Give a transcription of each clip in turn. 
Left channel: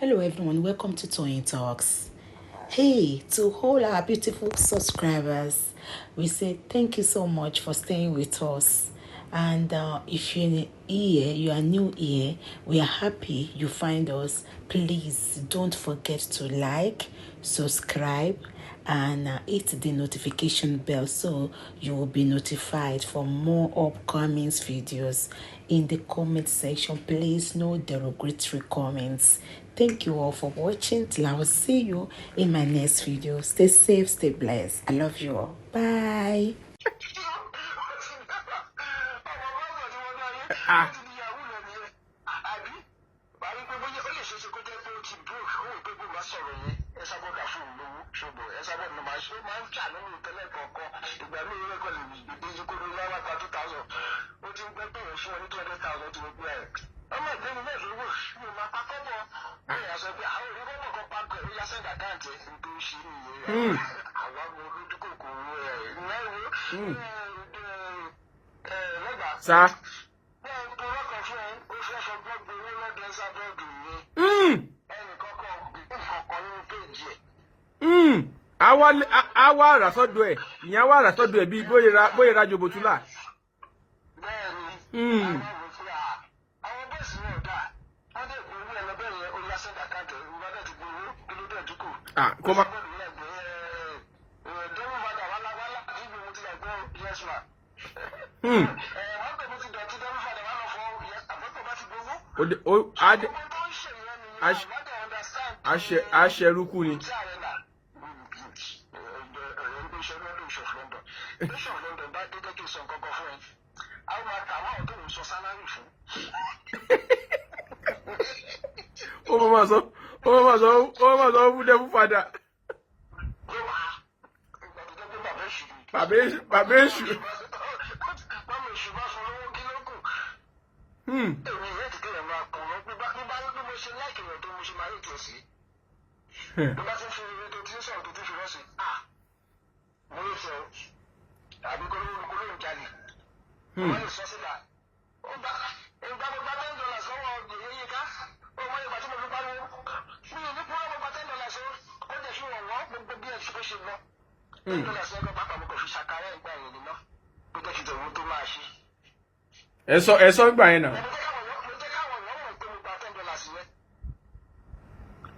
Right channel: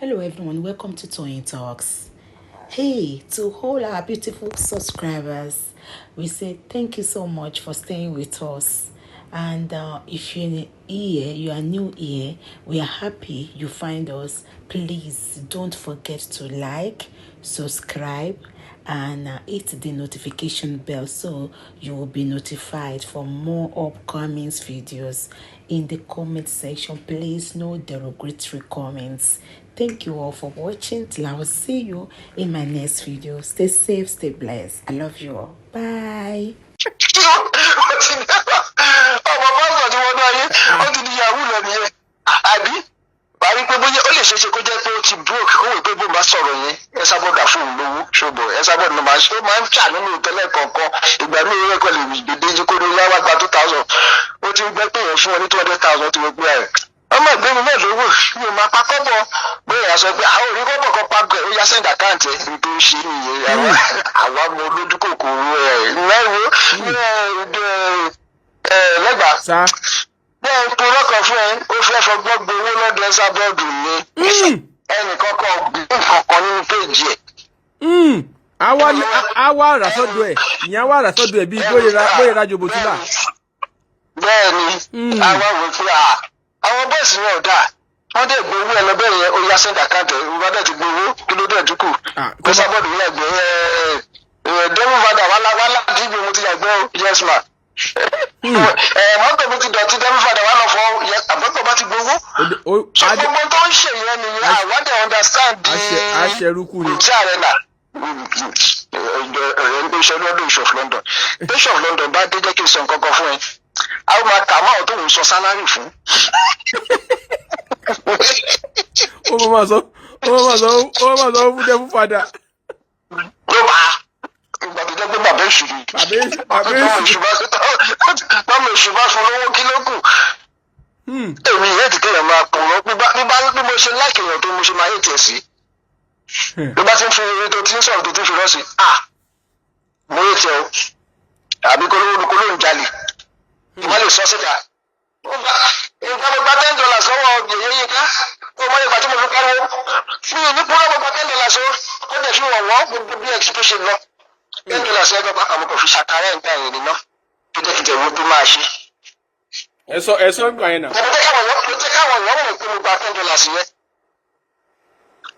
Hello everyone, welcome to Toyeen Talks. Hey, to all our beautiful subscribers, we say thank you so much for staying with us. And if you're here, you are new here, we are happy you find us. Please don't forget to like, subscribe, and hit the notification bell so you will be notified for more upcoming videos. In the comment section, please no derogatory comments. Thank you all for watching. Till I will see you in my next video. Stay safe, stay blessed. I love you all. Bye. Parí pé bóyá ó lè ṣeéṣe kó jẹ́ pé ó ti broke ó wò pé bó bá sọ̀rọ̀ yẹn ẹ sábọ̀dà fún un lówó ṣòbọ̀ ẹ sábọ̀dà ló máa ń ṣà nínú tẹ́lẹ̀ kọ̀ọ̀kan ìgbà míì rẹ̀ kọ́ lè dèdè jí kó ní yáwá gba 2000 ó ti gbẹ́ pé yẹn fún ọ ní 200,000 ti wọ́n pé ẹ̀ ọmọ ìgbẹ́ni náà lówó mi ò máa pa kọ́bọ̀ bóyá sọ pé àwọn òrí kọ́bọ̀ kan pa ó yá send account ẹ̀ nítorí ṣe nìyẹn àwa ọmọ olójú kòkòrò ẹ̀ náwó lẹ́gbàá bẹ́ẹ̀ ń purọ́ kan fún ẹ ó fẹ́ fọgbọ́n gbowó lọ́dọ̀ ẹ́sà bọ́ọ̀dù ni ẹnìkan kan gbé nǹkan kan nínú péjì ẹ̀. àwa àràsọ́dọ̀ ẹ̀ ìyẹn àwa àràsọ́dọ̀ ẹ̀ bíi bóyá rajo bòtúlà. bẹ́ẹ̀ ni àwa wò pé àwọn bọ́ọ̀sì wọn ò dáa wọ́n dẹ̀ gbowó ẹ lọ́bẹ̀ yẹn ó yá send account ẹ̀ ìwà dẹ̀ ti gbowó kí ló dẹ̀ dúkù ẹ́sà bọ́ọ̀dù wọn ẹ̀gbẹ́ dẹ́rù padà wà ládìgbò mo ti yàgbẹ́ yes ma. Mọ́tò mi ti dọ̀tí dẹ́rù padà wà lọ fọ àbọ̀tò bá ti gbowó. So gbogbo tó ń ṣe yẹn nìyẹn àwádìí understand di aṣẹrúkú ni. ìjà rẹ̀ nà ìṣẹ́ lọ́dún Bishop London Bishop London bá dé jẹ́ kí n sọ nǹkan kan fún ẹ àwọn máa kà máa tó ń sọ sálárì fún. ó máa sọ fún dẹ́rù padà. ló máa ìgbà tó jẹ́ pé bàbá èṣù ni bàbá èṣù bá fún lówó kí ló kù. èmi yẹn ti kéèyàn máa pọ̀ wọ́n bí mo ṣe láìkè èèyàn tó mo ṣe máa yé tiẹ̀ sí. bí bá ti ń fi eré tó ti ń sọ̀rọ̀ tó ti ń fi rọ́ọ̀sì mo yé tiẹ̀ o àbí kó ló ń jalè wọ́n lè sọ síta. nǹkan mo gba $10 lọ́wọ́ yèyé yín ká ó mọ ìgbà tí mo fi pariwo fún yìí ní púrọ́ mo gba $10 ó dẹ̀ fi wọ̀n wọ́n gbogbo bí exhibition lọ. $10 ẹgbẹ́ bá àwọn kò fi ṣàkárẹ̀ nǹkan ẹ̀yìn nínú tó jẹ́ kí tẹ̀wé tó máa ṣe. ẹ̀sọ́ gbà yẹn náà. mo jẹ́ káwọn èèyàn mọ̀ pé mo gba $10 yẹn.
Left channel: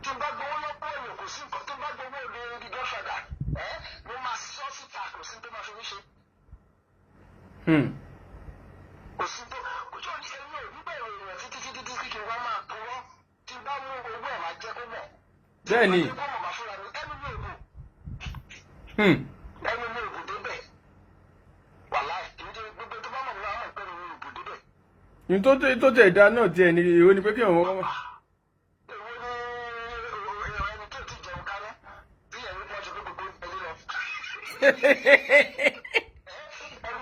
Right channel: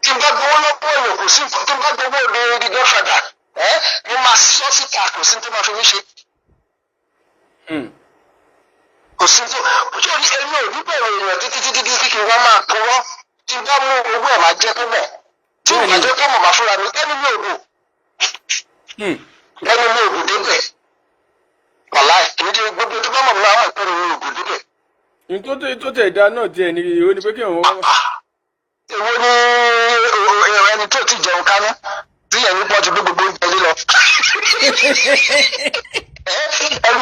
tí n bá gbowó lọ́pọ̀ èèyàn kò sí nǹkan tí n bá gbowó lórí Godfather mo máa sọ síta kò sí tó máa fi mí ṣe. kò sí tó ojú orí ẹni ò ní bẹ̀rẹ̀ èèyàn títí kí wọ́n máa purọ́ tí n bá mú owó ẹ̀ máa jẹ́ tó mọ̀ tí n bá jẹ́ tó mọ̀ máa fúnra mi ẹni mi ò bò. ẹni mi ò bò débẹ̀ wàlá ìdíje gbogbo tó bá mọ̀ mi àwọn ìpẹ́rẹ́ mi ò bò débẹ̀. ní tó tẹ̀ ìdá náà tiẹ̀ ní ìwé ni pé kí wọ́n. èwo ni ẹni tó ti jẹun kánú tí yẹn ní pọ́ọ̀tù gbogbo oúnjẹ lílọ.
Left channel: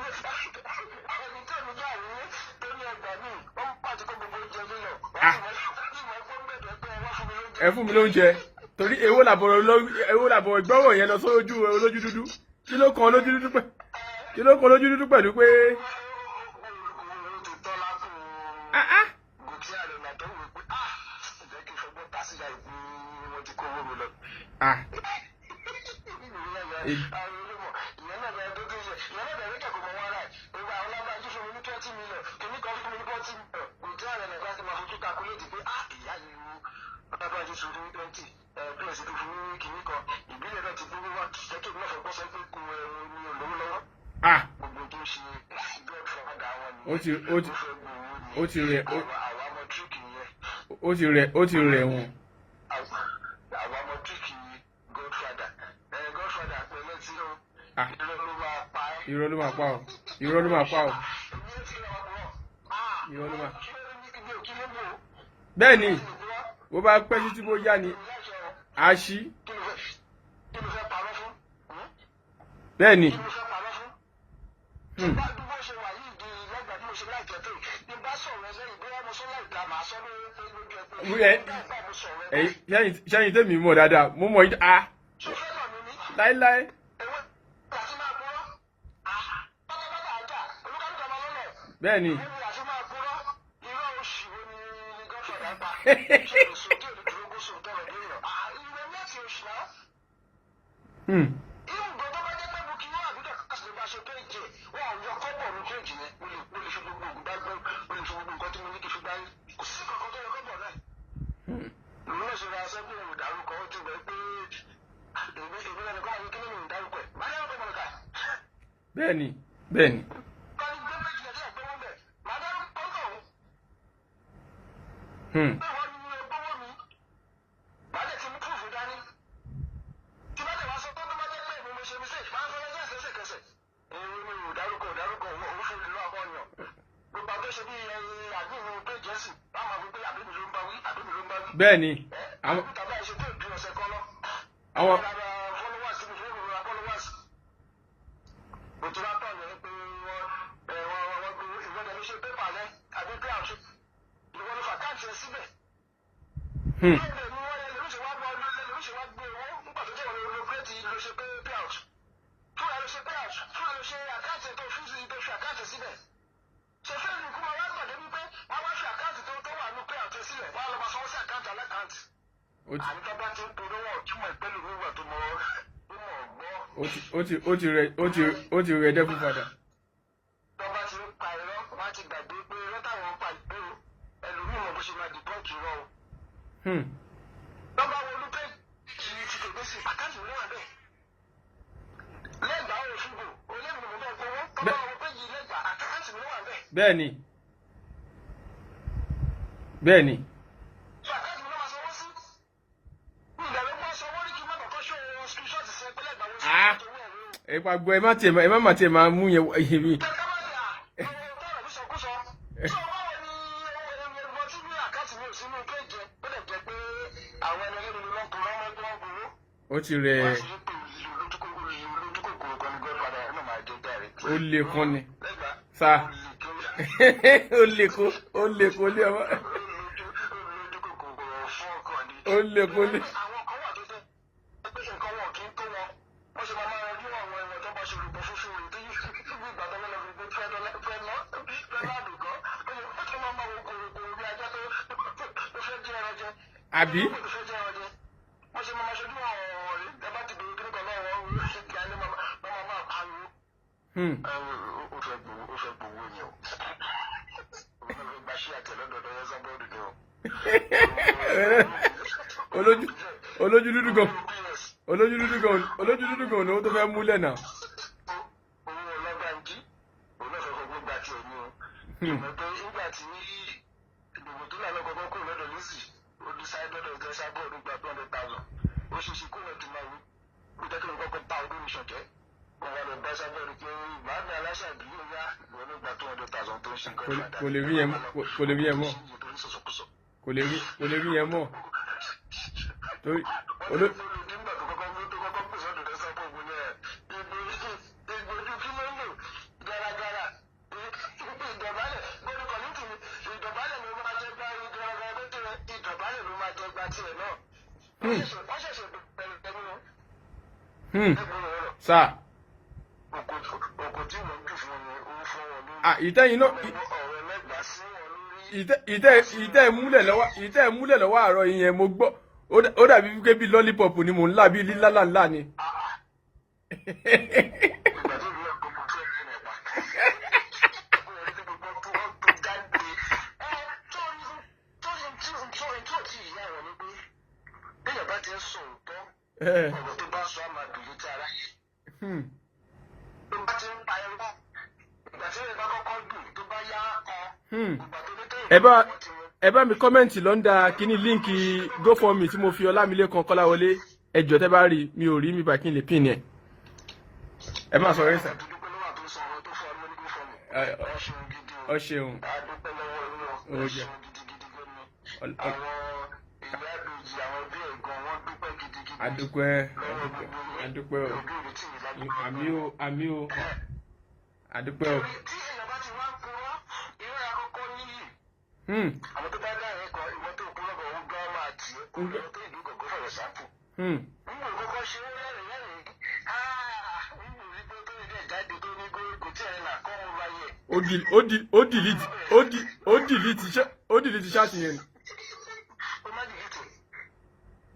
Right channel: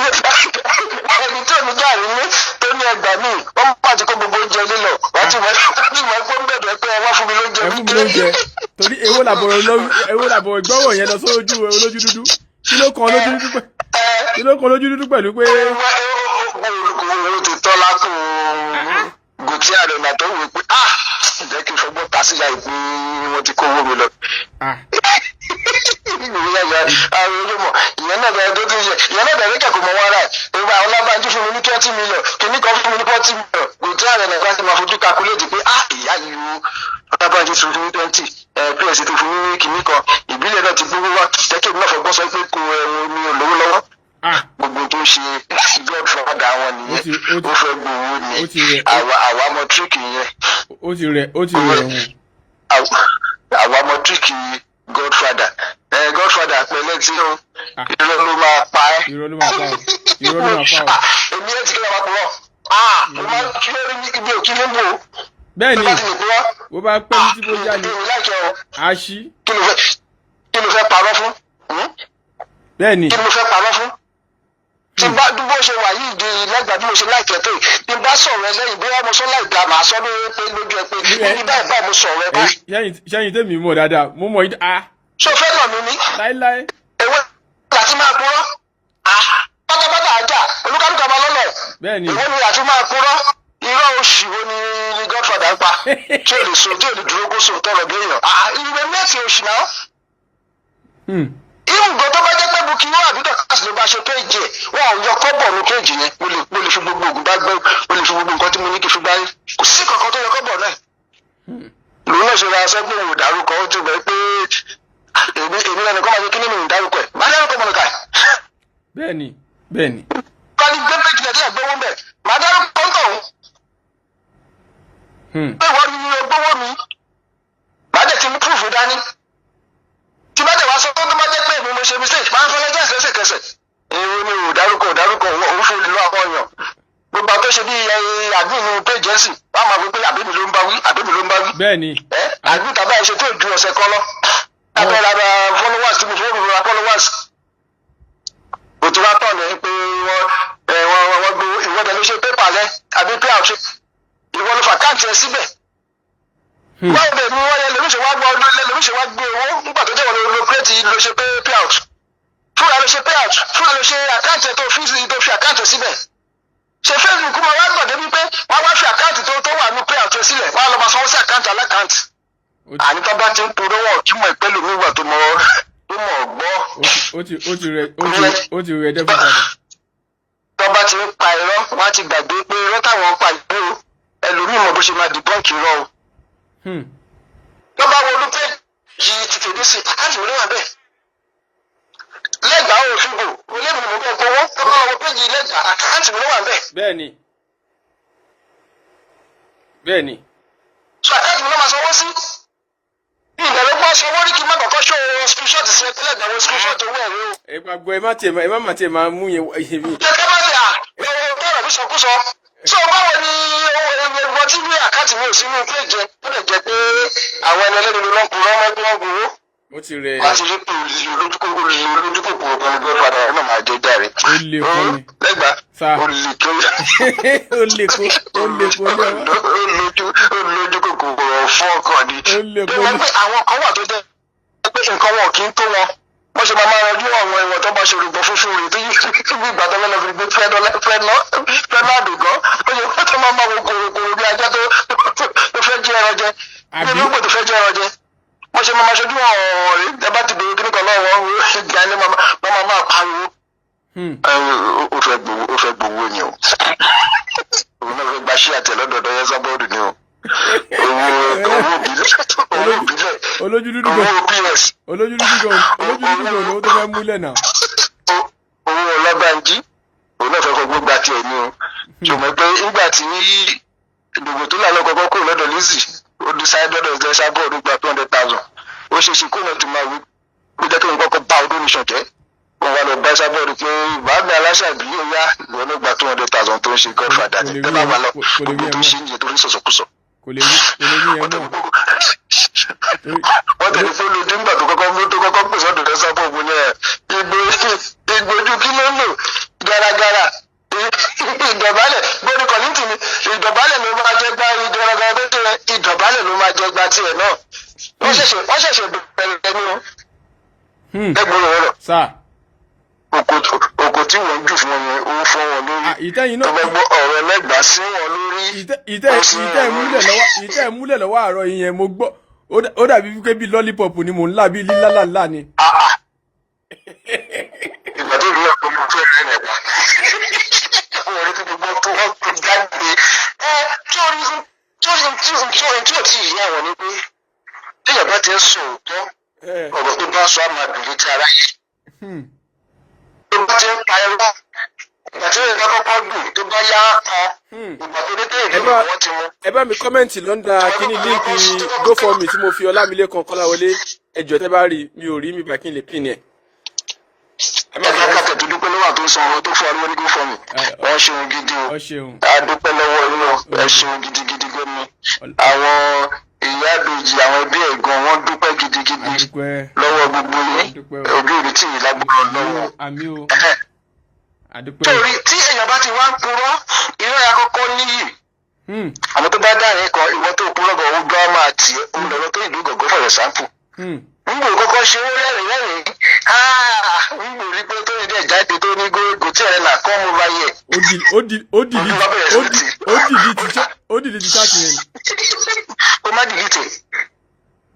ẹni tó ní gàrí ní tó ní ẹgbàá míì wọ́n mú pàtó kó gbogbo oúnjẹ lílọ wọ́n ti mọ̀ pé ń bẹ̀rẹ̀ pé wọ́n fún mi lóúnjẹ. ẹ fún mi lóúnjẹ torí èwo làbọ̀ ìgbọ́wọ̀ yẹn lọ sójú olójú dúdú kí ló kan olójú dúdú pẹ̀lú pé. owó ti tọ́ lápò gòtí àrẹ̀nà tó wù pé jẹ́ kí n fọgbọ́n ta síyá ìpín wọn ti kó owó mi lọ. ìyẹn náà bẹ̀rẹ̀ tó tún yẹ ìyẹn náà bẹ̀rẹ̀ kẹ̀kọ́ mọ́ wàrà ìgbà àwọn Ọlábánjí fún mi ní 20 million kìíní kan fún mi ní 40 million gòtí àrẹ̀nà ìgbà tí ma fojú calculate pé ìyá yìí wo Ọlábánjí fún mi ní 20 PS tó fún mi ní kìíní kan ìbílẹ̀ náà ti gbówó wá jẹ́kẹ́ mi náà fọgbọ́n sọ pé kò mi ò lówó lọ́wọ́ gbogbo tó ṣe Godfather wọn nìyẹn ó fẹ́ gbowó ni àwa mọ tíríkì yẹn. ó ti rẹ̀ wọ́n. àwa mọ tíríkì Godfather pẹ̀lẹ́ tí ó irọ́ ló máa pa ẹ́. irọ́ ló máa pa ọ́. èmi ẹ̀ ti kí ló máa pọ̀ mo máa ń kí lórí ibi òkí ló ń bò. bẹ́ẹ̀ ni bó bá pẹ́ títí tó já ni a ṣí. kí ló fẹ́ parọ́ fún. bẹ́ẹ̀ ni. kí ló fẹ́ parọ́ fún. tí bá dúró ṣe wà yìí di lẹ́gbàá bí mo ṣe láìpẹ́ tó yìí tí bá sọ̀rọ̀ ẹ lẹ́yìn bóyá mo sọ láìpẹ́ màá sọ lójú ẹ pé ní báyìí mo sọ̀rọ̀ ẹ báyìí. sẹ́yìn tèmi mọ̀ dáadáa mo mọ̀ yìí. ṣé o fẹ́ nà mí ní. láíláí. ewé láti máa purọ́ pátápátá ajá olúkálùkù ọmọ lọ́lẹ̀. bẹ́ẹ̀ni. ìwé ni àti máa purọ́ irọ́ oṣù wo ni Godfather ń pa tí ò lè so tí ò lè dúró kó so tọrọ bí èèyàn ìwé mẹ́tì oṣù náà. Ìwùgbọ́ tó bá jẹ́ pé Bukky àbí Dorcas ló bá ṣe péjì ẹ̀ wọn ò yọ kọ́bọ̀ ní péjì yẹn mo lè fi gbogbo ògùn bá gbẹ́ mo lè fi gbogbo nǹkan tí mo ní kí n fi bá rí kò sí kankan tó yọ kọ́bọ̀ náà. Lòun náà ṣe ra aṣọ pé òun ò dárúkọ ó ti bẹ̀ pé èmi lẹ́nu kọ́ máa ṣe kí nínú ìdárúkọ ẹ̀ máa dárúkọ Monica. Bẹ́ẹ̀ni. Kọ́ni gbé péjì náà tí ẹ̀ gbówó bẹ̀ máa dárúkọ ń tọ̀hún. Pé wọ́n ní gbówó mi máa dẹ̀ ti mú proof dání. Tí bá dẹ̀ wá sọ tó bá jẹ́ pé èmi mo ṣe mistake máa ń fẹ́ lẹ́jọ́ lẹ́sẹ̀kẹsẹ̀. Èrò ni ò dárúkọ òun fún olùlọ àwọn èèyàn. Gbogbo àtọ́ ṣe bí àdúgbò péjì ẹ̀sìn wọ́n máa wí pé àbíbi ló ń bá wí. Bẹ́ẹ̀ni. Àdúgbò tàbí àìṣe tó ju ọ̀sẹ̀ kan lọ. Abẹ́rẹ́ ara followers tí mo fowó mi ra followers. Òtún wá tọ̀ ní pé wọ́n gbé ìwọ́dẹ ló ṣe pépà rẹ̀ àbí pay out ìwọ ló fà káàntì ẹ síbẹ̀. Báwo bẹ̀ ni wọ́n yẹ lóríṣi wá gbé owó nígbà tó jẹ́ wọ́n lo kírètì ló ṣe pay out. Fúnra ló ṣe pay out fúnra ló ṣe àkáǹtì ẹ tó fi àkáǹtì ẹ síbẹ̀. Ṣé Facebook máa wá gbọ̀dé wípé wọ́n wá fi àkáǹtì tó wà ní pay out ẹ sílẹ̀ wọ́n á lọ máa sanwó sí àkáǹtì alákáǹtì. Àní tó bá ti ń purọ́ wọ̀ túmọ̀ ìpẹ́lú mi wà tó mọ̀ gbọ́. Ó ti rẹ̀ dẹ́bi padà. Tó bá ti ń pa irọ́ wọ́n á ti gbàgbé pé irọ́ táwọn pa ìgbó ẹlòmíì mọ̀ bó ṣe máa dìbọ́ǹkì irọ́ o. Tó bá wo olùpẹ́ yìí ti tèmi sí àkáǹtì mi ló wà bẹ́ẹ̀. Lẹ́gbàá òfìgbò olébìnrin mo bẹ́ẹ̀ gbowó tó bá wo péjì lẹ́gbàá àkáǹtì mi ló wà bẹ́ẹ̀. Bẹ́ẹ̀ni. So àkáǹtì mi ló máa sanwó sí. Ìbẹ̀rẹ̀ gbọ́ ṣe wọ́n rí kí n má kọ́kọ́ ṣó screenshot sí ẹgbẹ́ ẹgbẹ́ àwọn screenshot owó ẹ̀rọ. Ẹ máa gbọ́ ẹ má tiẹ̀ máa mú yẹn mi. Jẹ́kẹ́ bá ṣe bọ́ọ̀rọ̀ bí sọkúsọ. Ṣé o báwo ni owó tí ní àkáǹtì mi ò sí inú péjì ẹ ó lè jẹ́ pé àwọn ẹni ẹlẹ́ni ló ń purọ́ mọ́gbọ́n gbowó. Ó ti rẹ̀ ẹ́. Wọ́n ti rí pé olójúkòkòrò kan ní Godfather ẹ̀ náà máa jẹ́ járe. Ó lè kọ́ mi. Lẹ́gbàá ó lè kó. Olójúkòkòrò fọ́ọ̀kan ni. Àwọn kan wà tó jẹ́ pé nǹkan wọn kì í tó wọn. Wọ́n ṣe máa rọjú àwọn ìwọ̀n tó bá ṣe olùgbọ́ fúnfún rẹ̀ tó yí ìgbà tó lọ́ọ́ fi gbé fẹ́nàdù gan. Ó yẹ kó tó máa wo kòròkòrò bí ajá tó fẹ́ jẹ́ ẹran jẹ. Nínú ìgbò tó fẹ́ jẹ́ ẹran jẹ. Wọ́n ṣe máa ṣojú àwọn ọ̀rẹ́ ẹ bá ti bèrè kíní kan lọ́wọ́ ìgbà ni máa pariwo. Ó fẹ́ gbowó ni o. Òun náà fẹ́ gba ṣí àtẹ lọ́dọọdọ yẹn sábọ́ọ̀dù ni o. Olójú dúdú gan ni ó tó fẹ́ múlẹ̀ náà. Owó Ọlábánjí òun náà fẹ́ fọ gbogbo àti ẹ̀ ni o. Ṣùgbọ́n pé nígbà tí ìdògbò tó lànà kọ́kọ́ kúrò lọ́dọ̀ Lizzy ó di sáré lọ́dọ̀ ẹ̀jẹ̀ sábọ́ọ̀dù gba 200,000. Ó ṣe ṣe kó náà ti máa wí ó jẹ́ kí n kọ́kọ́ bá ọdún nìṣàn jẹ́. Wọ́n wá lọ bá sábọ́ọ̀dù pé bàbá aláṣàbí yóò yá ìwọ ló gba 200,000 tó ń ṣe Godfather ní ẹ bá wà lọ gbogbo tó ṣe ń yẹ tó ń sọ̀sọ̀kùsọ̀. Kò lè rí yẹn náà. Wọ́n tẹ̀lé fún olùdí nígbà tó kọ́kọ́ pèsè ọ̀dọ̀ rẹ̀ sábọ̀ ògùn yẹn ìgbójú kí ló ń lò garagara ìdọ̀bálẹ̀ gbórí kọ̀lìntì ni ìdọ̀bálẹ̀ ló máa jẹ́ gbá garagara tó tẹ̀lé ìdọ̀bálẹ̀ ló máa jẹ́ gbá tiẹ̀ náà. Wọ́n ṣẹ̀ṣẹ̀ bẹ̀rẹ̀ ní o. Ẹgbẹ̀rún rẹ̀ lọ. Òkò tí wọ́n jù fún wọn yẹn ó fọ́ wọn lórí. Ọgbẹ́gbọ́ ọ̀rọ̀ ẹlẹ́gbàá sí wọn lórí. Ìtẹ́ ìmúlẹ̀ lọ́wọ́ àárọ̀ yẹn mo gbọ́ ó dàbí wípé bíi lollipop ni mò ń là bíi lílálàlá ni. Ìgbà tó rí ọ̀pọ̀ mo fẹ́ rẹ̀ nípa. Àwọn ọ̀rẹ́ tó gbogbo tó wọ́n tó jáde. Tí ò tí ì yá wọn ni pé tí ìyàbá ti ń sọ òótọ́ ọ̀rọ̀ tó bá sọ àmà dùn létí ara yìí. Tó bá ti ń pa ẹ̀rọ ìgbà tí ìyàbá kọ́kọ́ dùn tó bá yá kan ìgbà tó dé dé ìlú wọn ti mú. Ẹ bá mi kọ́mẹ̀ntì lọ́ndà kíní líǹkì GoFundMe tí mo fi Ọlámilékan Kọ́láwọlé ẹjọ́ tẹ́ bá rí mi ò rí mi bá kí n lè pín ní ẹ̀. Ẹ má fẹ́ kàtẹ́ tó dúpẹ́ lọ́wọ́ tó san owó tó fún ariwo ní GoFundMe. Wọ́n ṣeun gidi o. A dúpẹ́ lọ́wọ́ inú ẹ ṣeun gidigidi gómi. Àwọn ìyá àbèjì àwọn ẹbí ẹ̀gbọ́n wọn dúpẹ́ gidigidi lọ́wọ́ gbogbo yín. Òbí òbí tì yín lágbára lọ́wọ́. Torí tí èèyàn bá ti wá ń purọ́ irọ́ ya kọ́kọ́ níyì. Àwọn tó bá dáhìn kan ìwọ tó purọ́ bọ̀ ó gbọ́ máa tì í. Òun lọ́rọ́ tó ìlú gọ̀gọ́ for example. wò kọ́kọ́ ṣe ó rẹ́rìn-ín ń wò rí pé tó ní dẹ̀ jáde tó ní gógó tí ẹ̀ là kọ́ mo bá yẹ. ó dìdí ti ṣáàkì yẹn. ó má dìlítì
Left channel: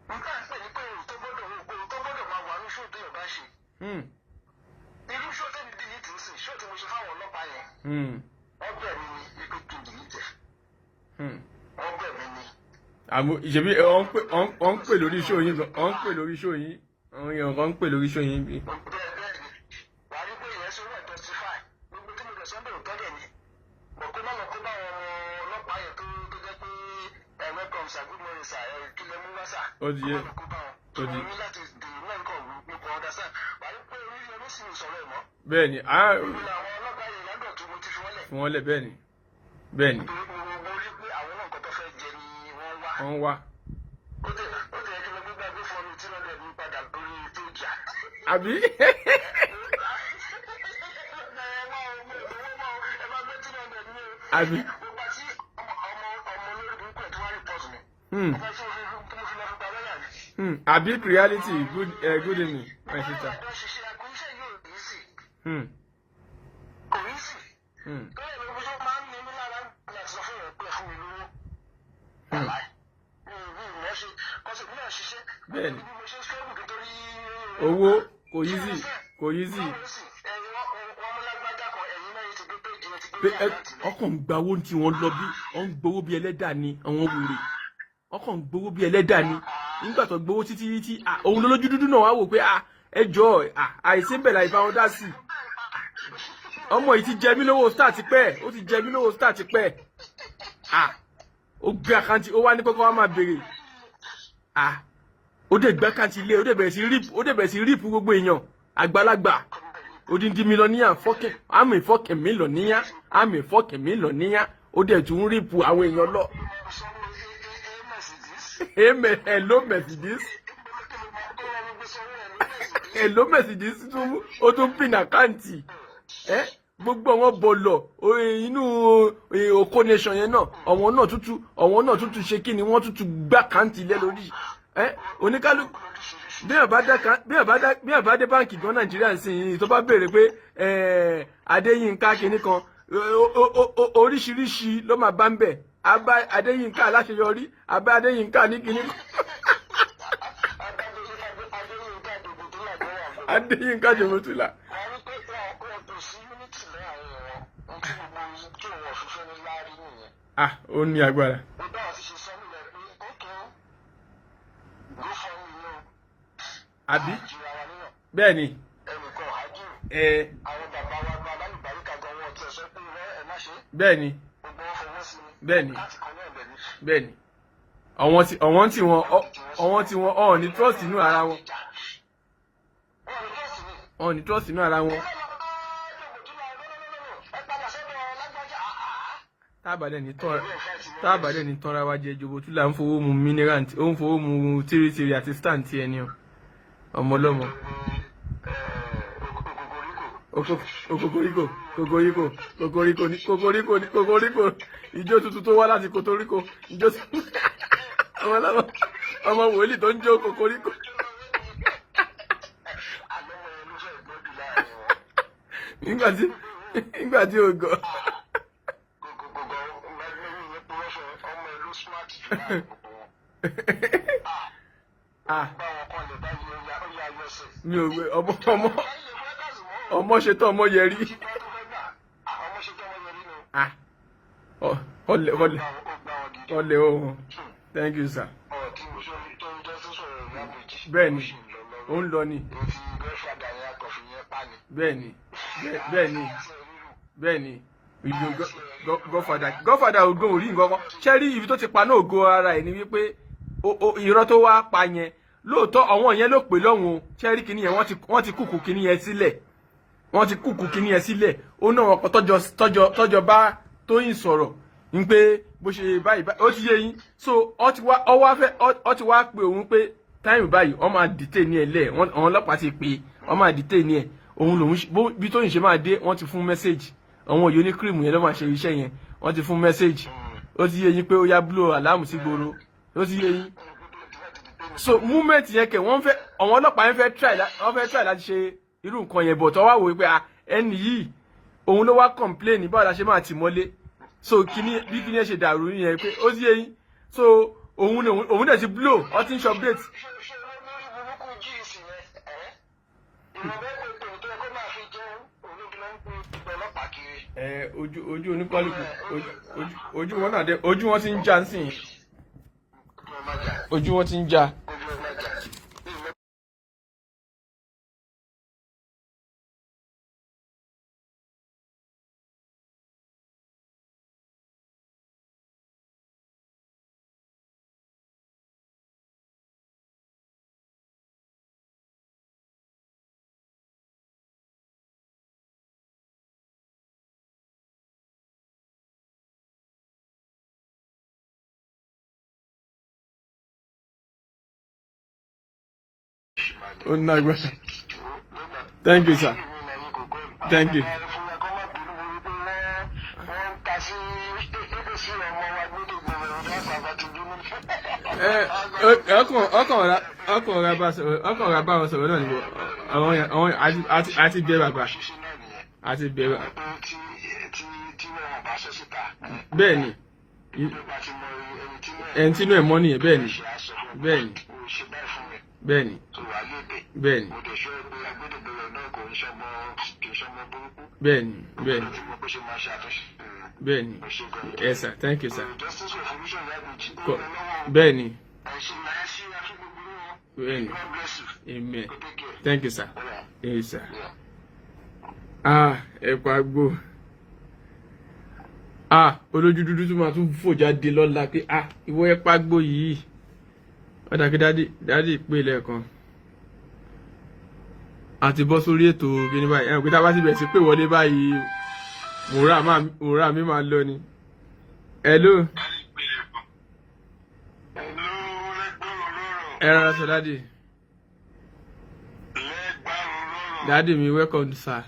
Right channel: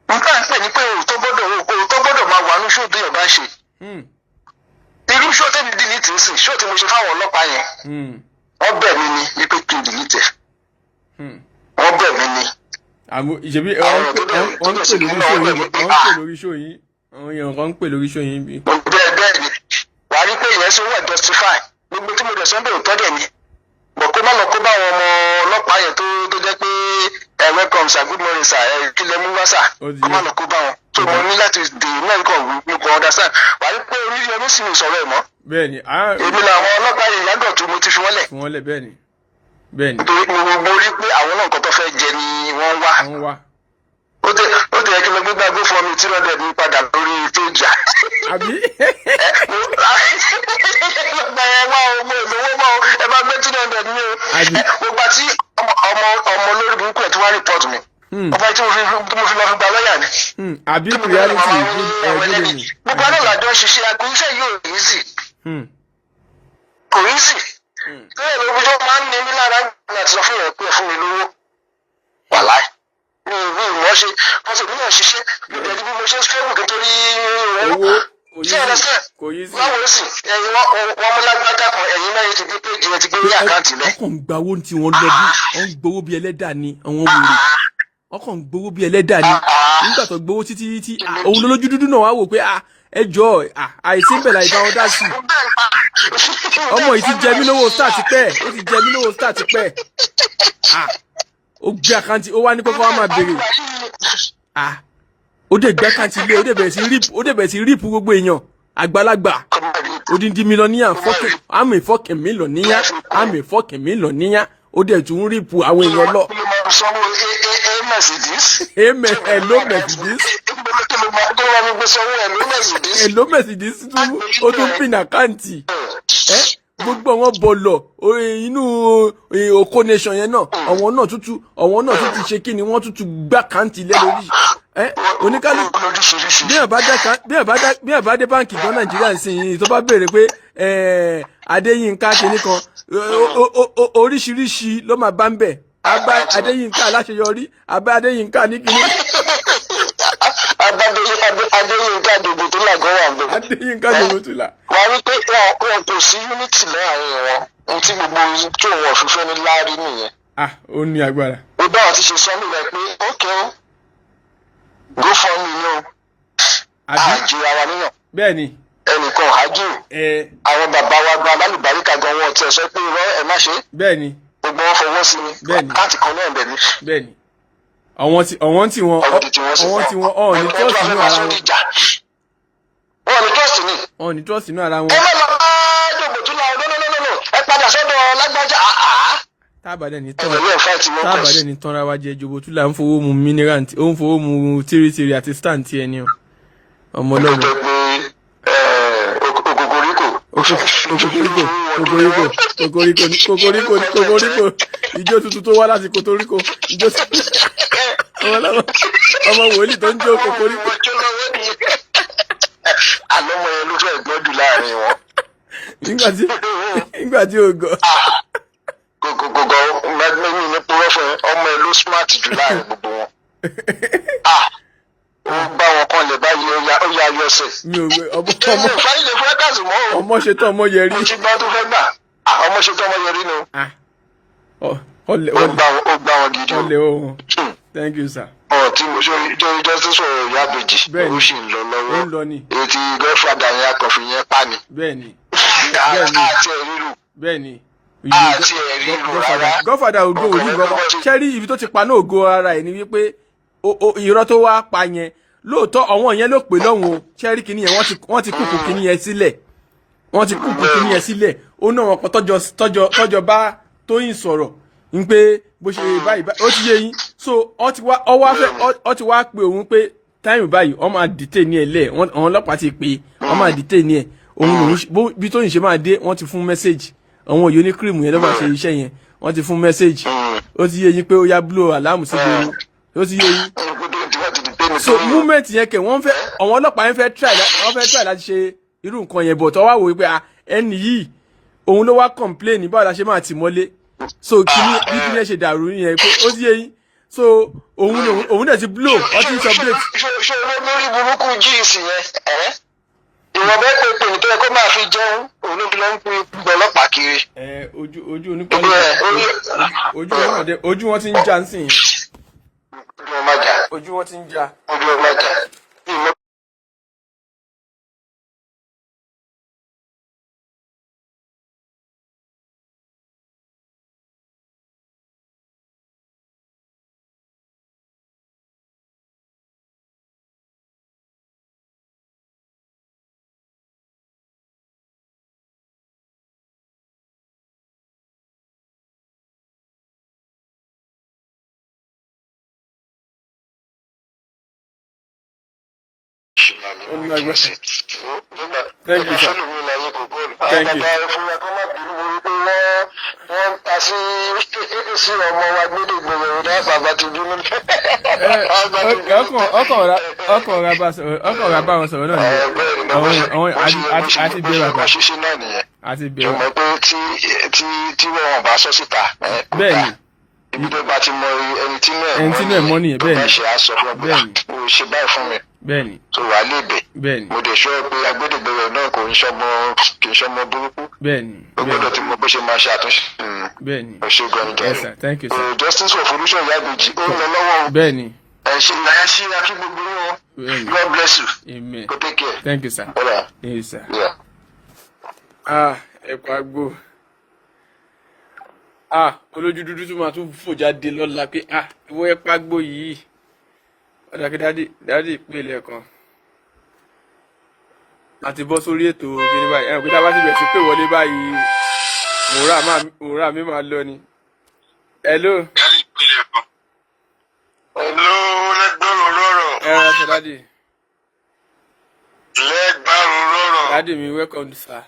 nǹkan pè ní pé òótọ́ gbọ́dọ̀ máa wà ní ṣó bí ọba ṣe. irú ṣó tẹ́mi dìlítì ń sìn ṣó tí mo ṣe fáwọn ọlọ́pàá yẹn wọ́n bẹ̀ mí ni wípé kí n dìlítì wọ́n bẹ̀ mí ni. àmọ́ ìṣèbí wọ́n ń pè lórí ṣó yìí àwọn èèyàn kan ń pè lórí ṣó yìí bí. bẹ́ẹ̀ ni wà á rí pé ìyẹn ṣe wà justify gbogbo tí mo dẹ̀ sọ́ńdẹ̀ òótọ́ dẹ̀ ni bọ̀ kó má lọ kó bá àwọn ọmọ ọlọ́pàá yẹn tó jẹ́ pé welcome sir good morning sir kí lẹ mú wá sir kó má lọ kó bá wọn tó mo ní láti dè mẹ́ríkọ̀ mo kàn understand wà á rí pé orí ọdún sì ń sọ̀rọ̀ ẹ̀ mọ́. bẹ́ẹ̀ni èmi làwọn ọlọ́pàá yẹn yàgò tó mo ti fi wọ́n lẹ̀. bẹ́ẹ̀ni. nítorí mo rí pé àwọn náà nǹkan tó fẹ́ jẹ ni wọ́n wá. ó tẹ̀ kí ló gbé gbàgbé fún mi 300 ní padà lórí péjà. àbí. ẹ bá gbé 300 ní o. gbogbo àti ọmọ olórí burúkú ẹ̀ tí wọ́n rìpọ́ọ̀tù mi. ọba tí mo fi lọ fi gba lọ́ọ̀yà ni. àbí reality ẹ̀ẹ́dẹ́gbẹ̀rún mi. gbogbo àná làjọ ṣiṣẹ́ àgbo iṣẹ́ yóò rí sí. kò rí sí. lórí ìlú ọjọ́ máa ń ní mí lára láti sọ fún ìyẹn pé fún mi lówó. wàláì mi ìmọ̀ ṣe wọ́n sì níyàn ṣiṣẹ́ ìdẹ̀jú bí mo ṣe ń struggle nítorí owó kò yí sí. báwo sì ẹ̀yin wọ́n mú lágbájá kan ẹ̀yin mẹ́rin ti gbé péjì ẹ ti gbé ní àkáǹtì lẹ. ọkàn ń gba owó tí wọ́n lọ bí wọ́n ń gbowó bí ẹlẹ́dà ni àwọn wèrè ọkàn ń gbowó bí ẹlẹ́dà ni nígbà tó gbowó títí òun lójú dúdú náà wá wò pé ẹ jọ àìsí bẹ̀rẹ̀ àìbá wọn dá sí ọmọ yìí ti jẹ mí lówó star ti pẹ́ ó ti jẹ mí lówó star ti pẹ́ ó gbé àkáǹtì ó wá ní kókó wá máa béèrè ó dẹ̀ gbé àkáǹtì ilé ó dẹ̀ bẹ̀rẹ̀ sí ríìpù gbogbo èèyàn àgbàlagbà odindi mílíọ̀nìyà àmì fọ́kẹ̀ mílíọ̀nìyà ó dẹ̀ tún ríìpù àwọn èèyàn lọ. Hello Mercedes ó tún pin àkáǹtì gbogbo àwọn bọ̀lọ̀ inú Oko Nation yẹn náà àwọn náà tútù ṣe kí ni wọ́n tútù gbá àkáǹtì lé lórí oníkálukú bí ẹ bá dé báǹkì gan Nàìjíríà sí tó bá béèrè pé Adéyínká kìíní kan oríṣiríṣi ló máa bá ń bẹ̀ Adéyínká aláṣeyọrí Adéyínká ní kìíní. Adéyínká dògbò tó là gan wà ń bẹ̀. Adéyínká dògbò tó là. wà á rí pé wọn kò sí unity láàrin wọn ohun tí gbogbo tó wọn fífẹ́ ní láàrí nìyẹn. Ó ní agbára. ó bá wọn ti ṣe sọ́nù rẹ̀ pé ókè ó go for me ni o. àjò ara níyàn. bẹ́ẹ̀ni. ẹnìkan àjò. àwọn bàbá wa gba alálùbáríkà gan wọn tiẹ̀ sọ pé irọ́ ẹ má ṣe. bẹ́ẹ̀ni. gbogbo wọn fọwọ́ sí mi. bẹ́ẹ̀ni. káàtì kan náà bẹ̀ mí. bẹ́ẹ̀ni. àwọn tí wọn ní trust nínú ara wọn. wọn ní trust ní trust ni. nínú ara wọn. ẹ má lọ bá jòkó tún la ọdún lọ́lọ́lọ́lọ́ ẹ padà sọ́dọ̀ lágbájá. tábàdẹ̀ ní tọ́ra wa jẹ jòbó tún là ń fowó mu mineral ó ń fowó mu tírítírí àti stand tí ẹni o ọmọ ọlọ́run. kokoriko ijó tuntun tó wá láti kotoriko ijó ọmọ wòlíì tó ń jó kokoriko. àlọ́mọ yẹn ló fẹ́ gbọ́dù láàrin wọn. nígbà tí o gọ. gògògògò mẹ́rin ní púrọ́ fún ọmọ ẹ ló smart jù láàrin gbogbo wọn. ó bá wọn kan lè báyìí ó yá ayọ̀ ọ̀sẹ̀. ọmọ ṣetán ọmọ yẹrí. ó ti gbọ́ tó fẹ́ gbà ọmọ ṣetán ọmọ yẹrí ni o. ó gbá wọn gidi o. Thank you sir. tí mo ṣe justice for ìyá àbèjì ó sì ń lọ lọ́wọ́ èyí tí godfather yẹn akọ̀fin yẹn pa ni. bẹ́ẹ̀ni. àti ẹ̀ríru. bẹ́ẹ̀ni. àti ẹ̀ríru rárá. godfather ògo orí nǹkan ṣẹ́rí ibi tó ti pa náà ògo ara ẹ̀ ni wípé irọ́ tó wá pa yẹn lóòótọ́ àwọn yẹn ló pè lọ́hùn o ṣẹ́rí kìíní yẹn wọ́n ti kúkú kìíní yẹn sílẹ̀ ó náà wọn kan tọ́jọ́ bá Tóyìn sọ̀rọ̀ ń pé bó ṣe báyìí ó ti yé yín so ọ ti wá pé òun pé táìmù báyìí ọ máa dìtẹ̀ ní ẹ lẹ̀ àwọn ọlọ́pàá ti pè ọ máa dìtẹ̀ ní ẹ òun lòun bí Tóyìn ṣe máa dé wọ́n ti fún mẹ́sẹ̀gì àwọn òye oníkírìmù yẹn ló máa ṣe iṣẹ́ yẹn wọ́n ti fún mẹ́sẹ̀gì ó ti yé yín pé ó yá blow aláàmù sí gbòòrò ó ti yé yín. mi so movement yẹn kẹ wọ́n fẹ́ àwọn ọlọ́pàá yẹn fẹ́ try láti ṣe irú nǹkan yẹn bọ̀ tó wá wò pé ẹni yìí òun ló wá complain báwo la ṣe máa tì mọ́lé so kíní bí kíní ẹ ṣe dàrú yẹn pé ó sì yé yín so òun dẹ̀ ti blow ọ ti ń update. ṣé olórí burúkú jíìsì yẹn ìwọ̀n bẹ́ẹ̀ pé pé nítorí kó máa fi jẹun òun ló fi lọ ń pe ọlọ́pàá kiri. ojú onípọ́lì ojú wọn ti ń já nísìnyí. ojú wọn ti ń já. Oh, no, thank you, sir. Thank you. ọkàn ọ̀rá bá wọn sọ̀rọ̀ náà ni àwọn àti bẹ̀rẹ̀ àgbà àti bẹ̀rẹ̀. ọmọ pé tí wọn bá sọ síta. bẹ́ẹ̀ ni ibi tó bá ti mọ ẹni tí náà mọ́ nìyẹn bẹ́ẹ̀ ni ṣe aṣọ fún mi o ṣe báyìí fún mi. bẹ́ẹ̀ ni tó wà lébè. bẹ́ẹ̀ ni mo dẹ̀ sọ pé agbẹ́dẹ̀gbẹ̀rẹ̀ náà kì í ṣọmọ burúkú. bẹ́ẹ̀ ni o gbọ́dọ̀ ti mọ bó ṣe máa ṣe àtúnṣe. bẹ́ẹ̀ ni ọ̀ṣẹ́gun ẹni yes sir thank you sir. justice for solution Ìyábẹ̀jì ó ń lọ lọ́wọ́. bẹ́ẹ̀ ni. ẹ ṣe akí gbogbo wọn. God bless you. amen. go take care. thank you sir. yes sir. ẹ̀kọ́ àgbo. olójú dúdú tí màá tún fò jáde lọ́la pé ìwọ ẹ̀ pàgbó yìí ọ̀dà kí dádì pè lẹ́ẹ̀kan àti bọ́ sórí ètò kíní báyìí ẹ̀rọ pé tá a bá sì bẹ̀rẹ̀ sí pé wọlé báyìí òwúrà mi máa lọ ni. hello. hello lẹ́gbẹ̀rún lọ́rọ̀. ẹ rà sọ dádì. lẹ́gbẹ̀rún lọ́rọ̀. dádì mi welcome sir.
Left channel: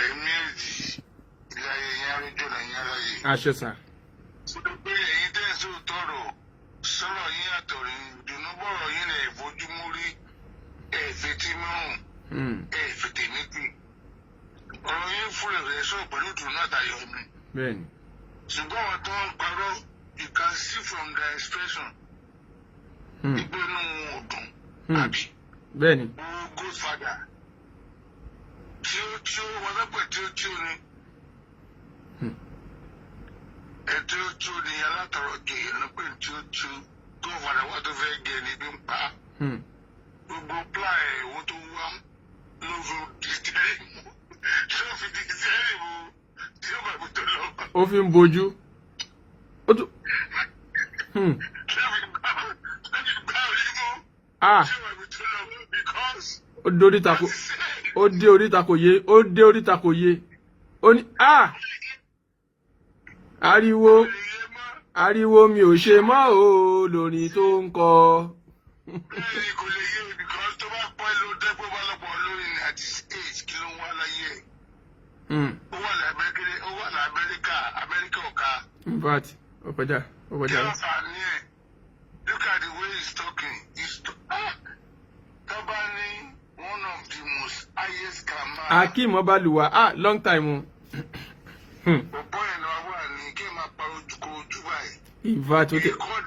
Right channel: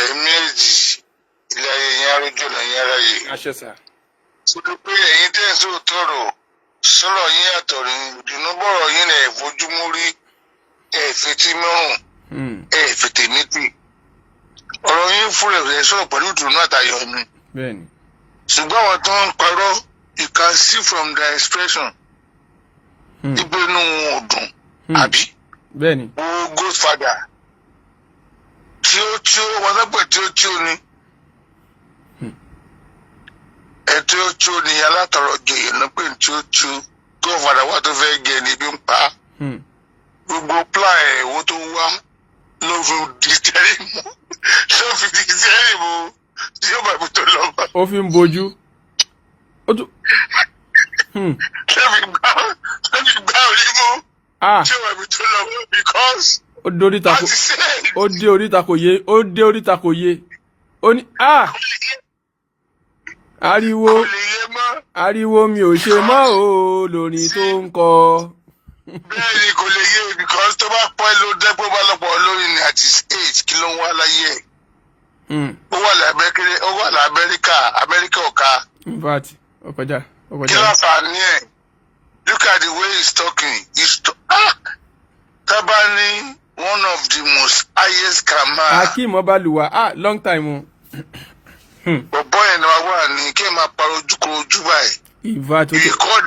ẹ̀ẹ̀mejì ilé ayé yẹn arójú náà yẹn ara yìí. aṣọ sà. sọ pé ẹ̀yin tẹ́ ẹ̀ sọ tọrọ sọ̀rọ̀ yín àtọ̀rọ̀ ìdùnnú bọ̀rọ̀ yín náà ìfojúmú rí ẹ̀ẹ́fẹ̀tì mẹ́rùn ẹ̀ẹ́fẹ̀tì méjì ọ̀rọ̀ yín fúnra ẹ̀ sọ̀rọ̀ pẹ̀lú ìdùnnú àtayọ̀ mi. bẹ́ẹ̀ni. ṣùgbọ́n àwọn tó ń parọ́ you can see from their expression ibi inú wọn ò dùn àbí. bẹ́ẹ̀ni. o godfather tí ó wọn sọpẹ tí ó ní ẹtí ó ní alátọrọ joyè ló pé tí ó godfather wa tó fẹ́ gẹ ní ibi ń pa gbogbo plan ẹ̀wọ́ tó wá ló fi dìtẹ́rì mú tí ó bá ibi tó lọ bá. ó fi ń bojú. ló fi gbá orí mú tí ó bá ibi tó lọ bá because. ó dé oríta kò yé ó ní ariwo mi ò ṣe mọ́ o lórí tó ń kọ. bẹ́ẹ̀ni kò lè yé because tó bá pẹ́ ló dẹ́gbẹ́ bá lọ́pọ̀ lórí ní àti stage kí ló ń wá láyé ẹ̀. ó wà lamẹ́ríkà ọ̀ka. in fact ọkọjá. kí ló fà á ní ẹ̀ look at the way he's talking tábà ní one of the most highest camera. Akeem Ọbalùwà long time o. bọ̀bọ̀ yẹn ni wàá wà ní kí ẹ máa parọ́ ojúkorojú báyìí. ìfà tó you call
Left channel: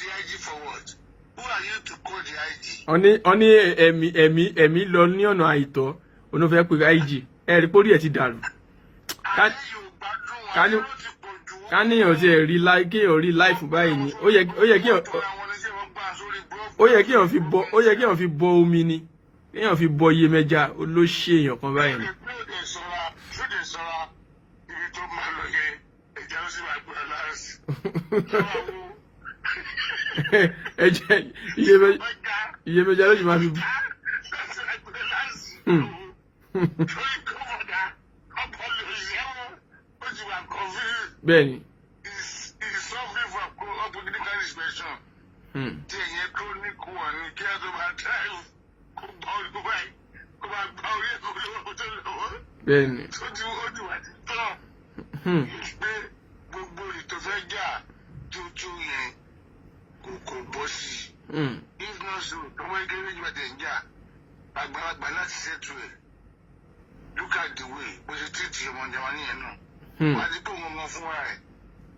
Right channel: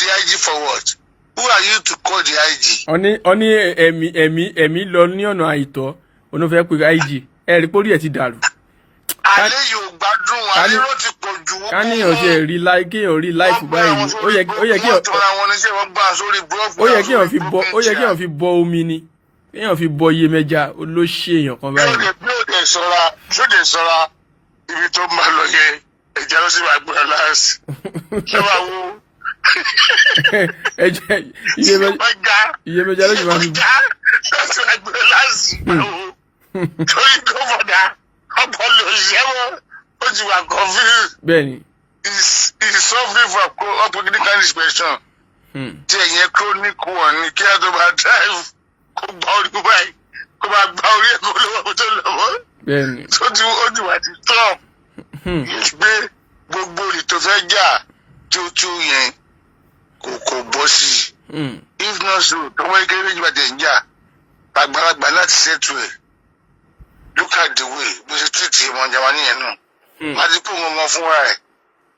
the IG for what? Who are you to call the IG? ọní ẹ̀mí lọ ní ọ̀nà àìtọ́ onífẹ́ pé IG ẹ̀rí pórí ẹ̀ ti dàrú. alẹ́ yóò gbádùn alẹ́ ló ti pọ̀ jù. káníyàn ṣe kéèyàn rí láìfù báyìí ni ó yẹ kéèyàn fi bọ omi ni kéèyàn fi bọ Iyemẹja olóṣè èèyàn kan báyìí. ṣóde sọra ibi tó máa lọ yẹ ẹja ló sì máa gbọ́dọ̀ láàsì ṣé wàá wo. Iyemẹja ló sì máa fi. láti máa gbọ́dọ̀ láàsì torí gómìnà ọpọlọ ìṣẹ́wọ́ ó ti wà confused. bẹ́ẹ̀ni. he's suffering from clinical inspection. tí ẹ̀yẹ chronic wọn ni kí á tó máa drive kó gba orí báyìí kó máa gba orí ẹ̀kọ́ lọ́wọ́ tó lọ́wọ́. bẹ́ẹ̀ni. tó ti ó ti wà ti stop. gbé gbogbo ìtò fẹ́ jà tó yẹn kò bọ́ sí i. If not so tọmọ kékeré méjì bá tẹ̀ ń jà àgbàlagbà láti ṣètò ẹ̀. Look at the way bó ṣe tìtì ọmọ Jámánì yẹn náà. Wọ́n ti kó wọn mọ fúnra ẹ̀.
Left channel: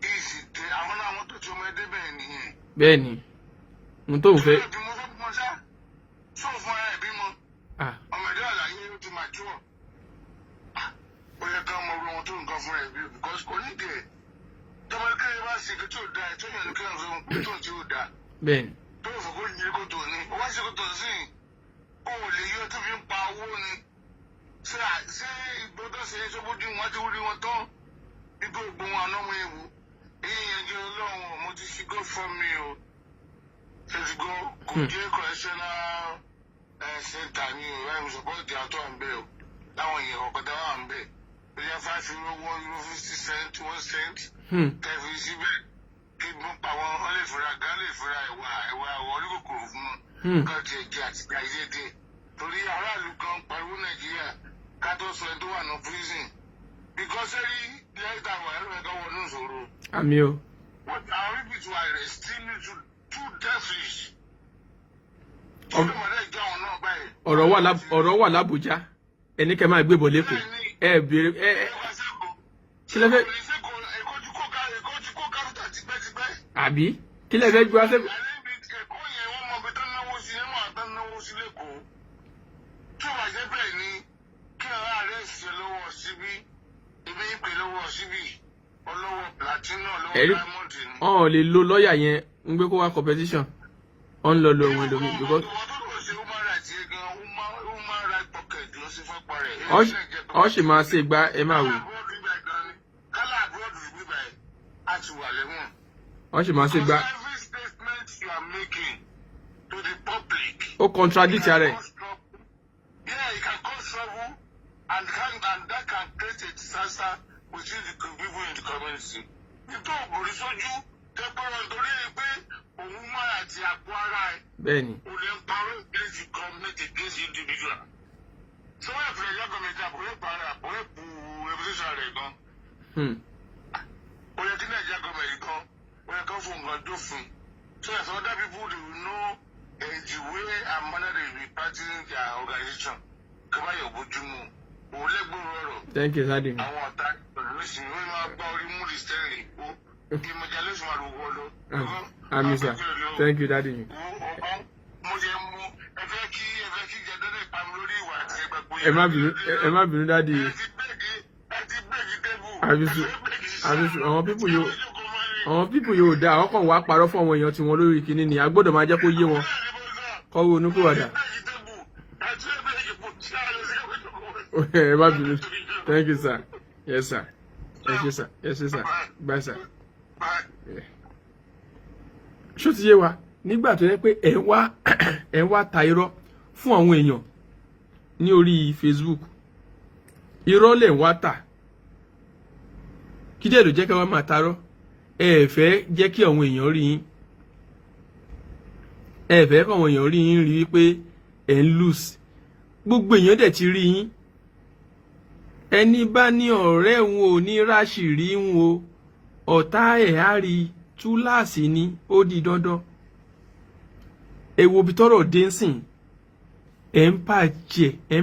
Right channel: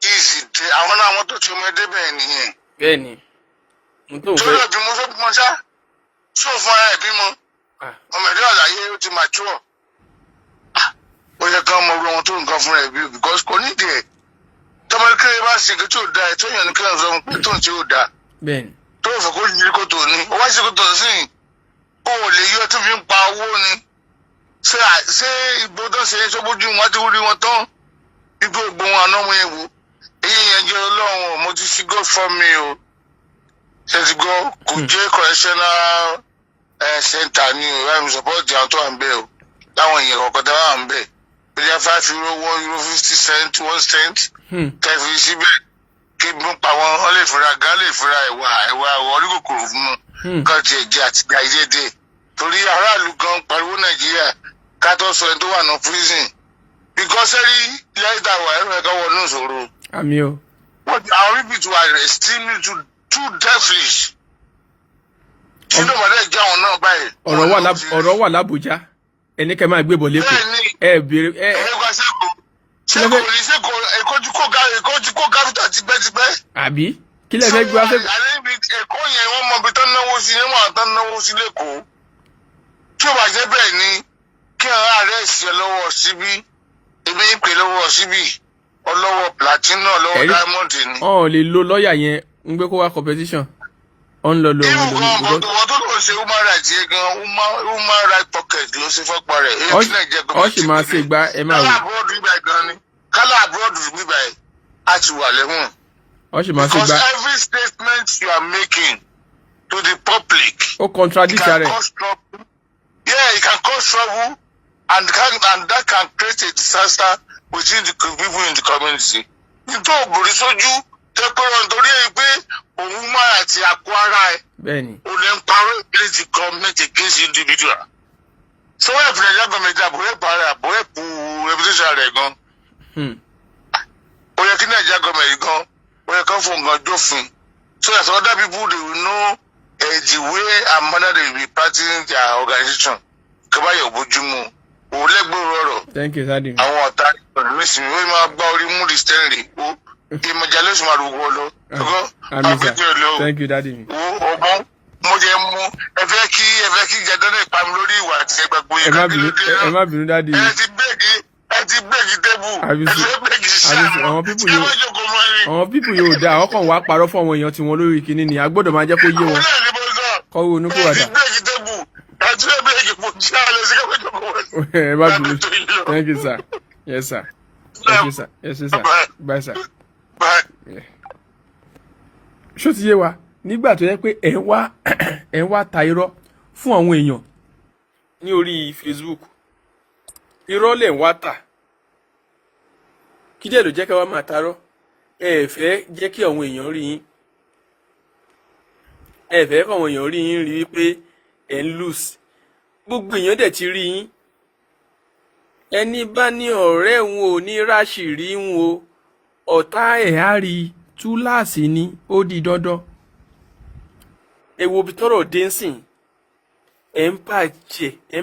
Ìsì tẹ àwọn náà àwọn tó ti ọmọ ẹdẹ bẹ́ẹ̀ nìyẹn. Bẹ́ẹ̀ni mo tó fẹ́. tó lọ bímọ fẹ́ bímọ ṣá sọ fún ara ẹ̀ bímọ ọmọ ẹ̀dẹ́ àlàyé ó ti mature. Ó yẹ ká ọmọ ọgbọ́n tó nǹkan fúnra ẹ̀ bí because kò nídìí ẹ̀ tọmọ kékeré bá ṣe kí tí ò da ẹ̀ tó yàn ní kíláàsì ọmọ pé tó ń tí ò da. Bẹ́ẹ̀ni. Tó fẹ́ kó yí kó tó ní ó wá ṣe kó tó sí ó lè yọ tó fi ń pa owó ni. Ṣé ìbò tó ṣe sọ́bójú wọn ti rí wọn tán igbó ògbóhùn àná wọn yẹn wò èyí yẹn jẹ́ ọlọ́run mo ti ṣí God for me o ṣe ti gbọ́ kò jẹ́ correctional center ni o láì support àwọn tó wà ń bẹ̀ o láwọn èèyàn kọ̀ọ̀kan tó wà ń bẹ̀ bíi €5 €1 50 1 cent kẹfì síbẹ̀ kí n pa wọn wọn lè fura gan lè fura ẹ̀wà orí kòkòrò fún un kan tiẹ̀ jẹ́ àtìgbà ìdédé torí aráàlú gan pariwo Nàìjíríà ká tó sọ ẹni tó wà ní prison because ẹ̀rí lẹ́yìn táwọn ẹ̀rọ ẹ̀ka wọnú ìṣòro. Àmì o. Àwọn people were extremely too devilish. Kí ló máa dẹ́ já wọn náà báyìí? Ọ̀rọ̀ wà l'Ábùjá ẹni kẹ́ máa gbé bọ̀ lẹ́kọ̀ọ́ ẹ béèrè ẹ. Ṣéko Èkó ti kó gáfítà tipẹ́tipẹ́. Àbí kí lẹ fẹ́ gbé wá sẹ́kọ̀ọ́. Èkó yẹn wọ́n mọ ibi tán náwó sí níwọ̀n àtàn náwó sí lẹ́kọ̀ọ́. Tí ó bá jẹ́ bẹ́ẹ̀ ni kí àwọn ààrẹ ṣe lọ́wọ́ síbí èmi ń pè lọ́wọ́ síbí ọlọ́wọ́ platinum ọlọ́wọ́ diamond ni. Ọ̀ lè lo lọ́ọ̀yà yẹn ń gbé kó wá competition ọ̀n lọ lọ wọn lórí. Ìwọ̀n tó lọ ṣe human rights yẹn gan human right pocket ló ṣe fọ́pọ̀ rẹ̀. Ọ sì máa ṣe gba ẹ máa wò. Kálá abroad bíbá ẹ̀ á ti wà lẹ́wọ̀n. Ọ sì máa ṣe gba. Because every statement you are making to the public. Ó contradict rẹ̀. Yeah, it can cause trouble and that can create a disaster within the people in the community. Nítorí òbòrí sójú tẹ́ pé wọn torí ẹ pé òun máa àti àpò ara ẹ̀. Bẹ́ẹ̀ni. O lè ń parọ́ against the government against the individual. So wọ́n ẹ̀fìn ẹ̀jẹ̀ gọ́ọ̀mẹ̀ntì àbúrẹ́pù reputation rẹ̀ gan. Ó yẹ kí Nàìjíríà gọ́ọ̀mẹ̀ntì gan ó yẹ kí wọ́n fún gan jófin. So that other people they will know the way and manner they will be practicing their organization. Kaba yóò bójúmu. Òun lẹ́gbẹ̀rún ọ̀rọ̀. Thank you, Daddy. Àwọn ọ̀tá ìrìnsìn wọ́n máa gbá orí mú the steering rè kó. Ìmọ̀jà ló sì máa rúgbọ́ lọ. Thank you, Daddy. Ọgbọ́n mo jẹ mú ẹ fẹ́ kí jẹdán lè pa mi lórí ìwà àti ẹgbàgbọ́ yìí. Ẹ má bínú, Daddy. Ẹ ti bẹ́ẹ̀gì tébù. Àwọn pípù yóò dá ọkàn wá parọ́ fún àwọn èèyàn tí wọ́n lórí kinní ni a gbọ́dọ̀ máa jẹ́ kó yé wọn. Kọ́wé onúkúwàdà. Ẹ má bínú. Thank you, sir. Yes, sir. Thank you, sir. Yes, sir. Bye, sir. Ṣó ti yé wa nígbà tó yẹ pé ẹ wá ta irọ́ fún àwọn èèyàn ní orí Facebook irọ́ lẹ̀ ń wá tà kí díẹ̀ ló jẹ́ ká wá máa tarọ́ ẹ fẹ́ jẹ́ kí àwọn èèyàn rí yín ẹ fẹ́ kí àwọn èèyàn rí yín rí wípé ẹ ń lose gbogbo èèyàn dẹ̀ ti rí yín ẹni bá ní ọ̀rẹ́ òun ò ní ráṣìírí òun o ọ̀tá ẹ̀ á rí túláàsì ni ó di dandan èwo bí tọ́rọ̀ dé ń sìn ẹ̀ ń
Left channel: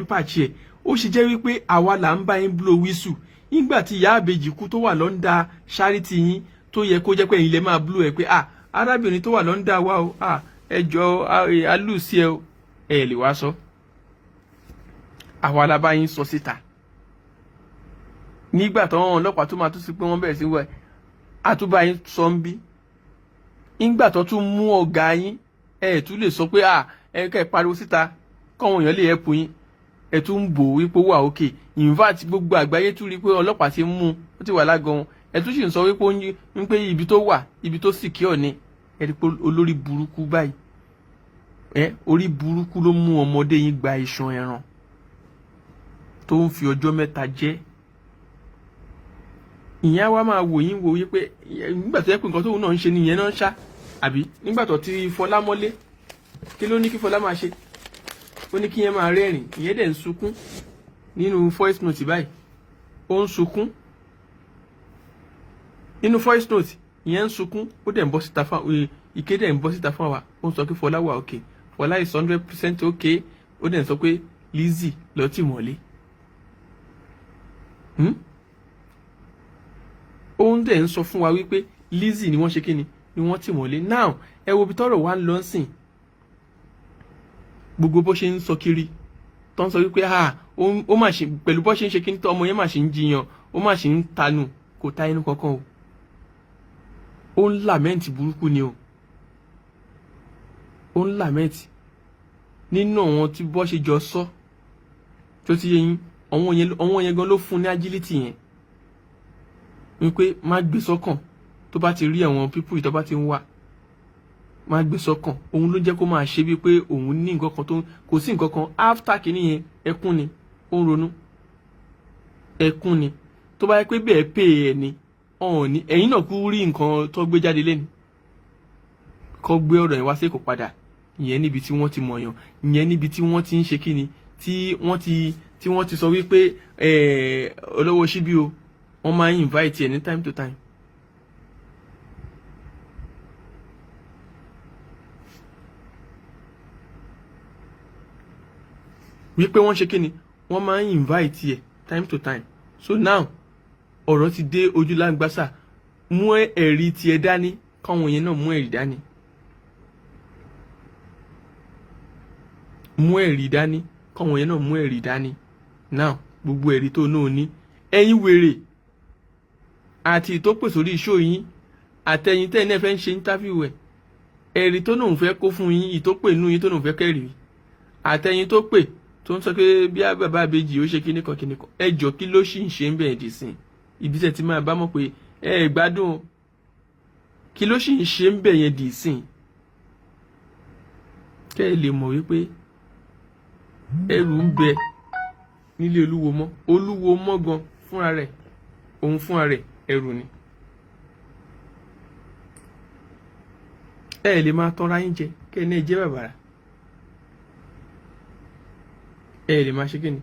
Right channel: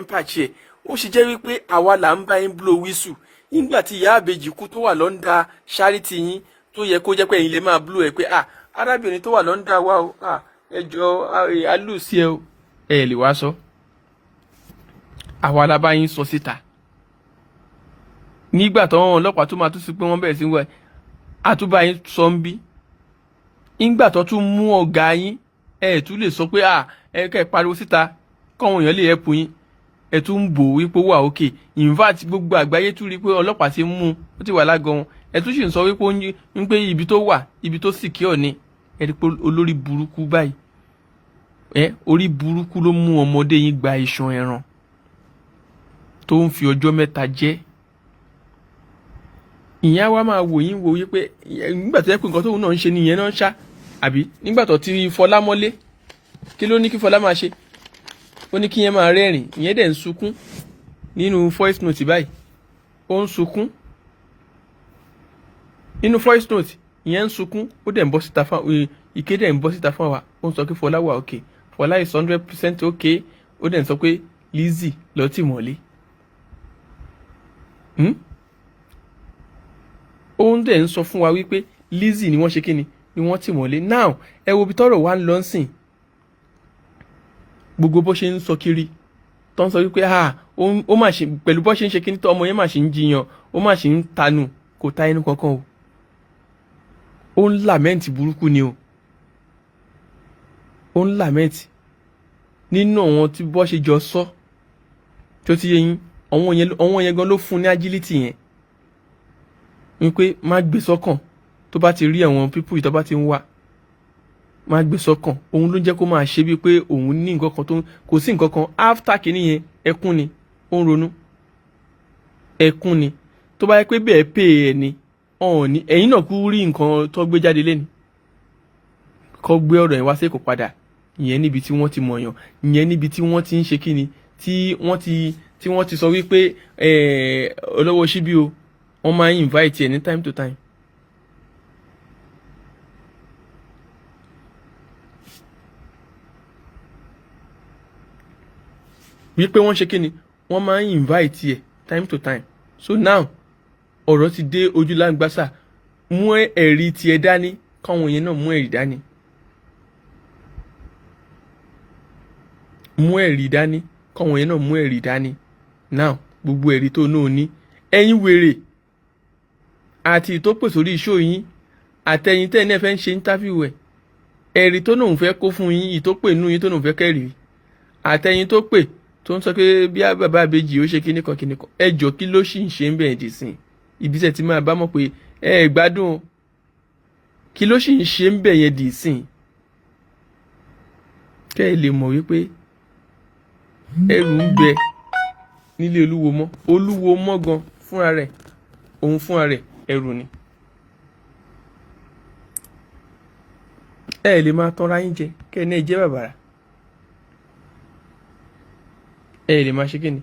pàṣẹ ó sì jẹ́ wípé àwa là ń bá yín blow whistle nígbà tí ìyá àbèjì kú tó wà lọ́ndà charity yín tó yẹ kó jẹ́ pé ẹ̀yin lè máa blow ẹ̀ pé arábìnrin tó wà lọ́ndà wa o ẹjọ́ alùsí ẹ o ẹ lè wá sọ àwa la bá yín sọ síta nígbà tó wọn ọlọ́pàá tó máa tún sí pé wọ́n bẹ̀rẹ̀ sí wẹ̀ àtúbà yín sọ ń bí nígbà tó tún mú ọ̀gá yín ẹ tún lè sọ pé ẹ kẹ́ pariwo síta kọ́wọn èèyàn lè ẹ̀pù yín ẹ tún ń bò wípé wà òkè in fact gbogbo àgbáyé tún rí pé ọlọ́pàá ti mú ó ti wà lágọ̀ọ́ wọn ẹ tún sì ń sọ wípé ń pé ibi tó wà ibi tó secure ni ẹ rí pé olórí burúkú báyìí orí burúkú ló mú ọmọdé yín gba iṣan ẹran tó ń fi ọjọ́ mẹ́ta jẹ ìyẹn wa máa wò yín wò wípé nígbà tó yẹ pé nǹkan tóun náà ń ṣe nìyẹn náà ń ṣá àbí nígbà tó ti Fọlá mọ́lé kí ló ní kí Fọlá máa ṣe ó ní kí yẹn máa rẹ́rìn ìyẹn dẹ̀ ń sunkún nínú voice note báyìí ó ń sunkún nínú voice note ìyẹn ń sunkún ó dẹ̀ ń bọ́ síta fún Ike dẹ̀ ń bọ́ síta fún wa ó ń sọ pé Fọlá wà okay Fọlá is 100% okay ó dẹ̀ ń sọ pé Lizzy lọ tì mọ́lé. Òun dẹ̀ ń sọ fún wa wípé Lizzy ni wọ́n ṣe kíni ni wọ́n tì mọ́lé. Now ẹ wo bí tọ́rọ̀ wá ń lọ sìn gbogbo bó ṣe ń sọ kiri tó ń sọ wípé ó mà ṣe pẹ̀lú bó ṣe ń ṣe kíni tó ọmọ yẹn mà ṣe ń jiyàn ó mà ṣe ń tanù kò ta ẹnu kankan o ó ń làmẹ́ǹtì burúkú ni o ó ń làmẹ́ǹtì nínú àwọn tí bó ṣe jọ sọ tó ti yẹ yín àwọn yẹn gan ló fún ní agility yẹn wípé má gbé sọ́kàn tó bá ti rí àwọn pípù yìí tó bá ti ń wá má gbé sọ́kàn òun ló jẹ́ kó máa ṣe bíi pé òun ní nǹkan kan tó kò sí nǹkan kan after kìíní yẹn ẹkún ni ó ń ronú ẹkún ni tó bá yẹ pé bẹ́ẹ̀ pè é ni ọ̀hún ni ẹ̀yin náà kú rí nǹkan tó gbé jáde lẹ́nu kó gbé ọ̀rọ̀ ẹ̀ wá sí kò padà ìyẹn níbi tí wọ́n ti mọ̀yàn ìyẹn níbi tí wọ́n ti ń ṣe kíni tí wọ́n ti sọ wípé olówó síbí o wọ́n máa ń invite ẹ̀ ní time to time. wípé wọ́n ṣe kíni wọ́n máa ń invite ẹ̀ time to time. So now ọ̀rọ̀ ti dé ojú láǹgbásà mú ẹ̀rí tiẹ̀ dání káwọn yẹn náà mú ẹ̀rí dání. mú ẹ̀rí dání káwọn yẹn náà mú ẹ̀rí dání. Now gbogbo ẹ̀rí tó náà ní ẹ̀yin wèrè àti tó pè sórí iṣó yín àtẹ̀yin tẹ́ ẹ̀ náà fẹ́ ń ṣe interview ẹ̀ ẹ̀rí tó náà ń fẹ́ kó fún yín ìtópè nú yín tó náà ń fẹ́ kẹ́rì àtẹ̀yin tó pè tó ń sọ pé bí bàbá àbèjì ó ṣe kíníkan ẹjọ́ kí ló sì ń ṣe ń bẹ̀rẹ̀ dì sí ìdíṣẹ́ tí máa bá mọ̀ pé gbádùn kí ló sì ń ṣe ń bẹ̀yẹn dì sí kẹ́ ẹ lè mọ̀ wípé ẹrù ń bẹ nílé olúwo mọ́ gan fúnra rẹ̀ òun fúnra rẹ̀ ẹrù ni. ẹ lè máa tọ́ra yín jẹ kẹ́ ẹ náà jẹ́ bàbàrà ẹ lè máa ṣe kí ni.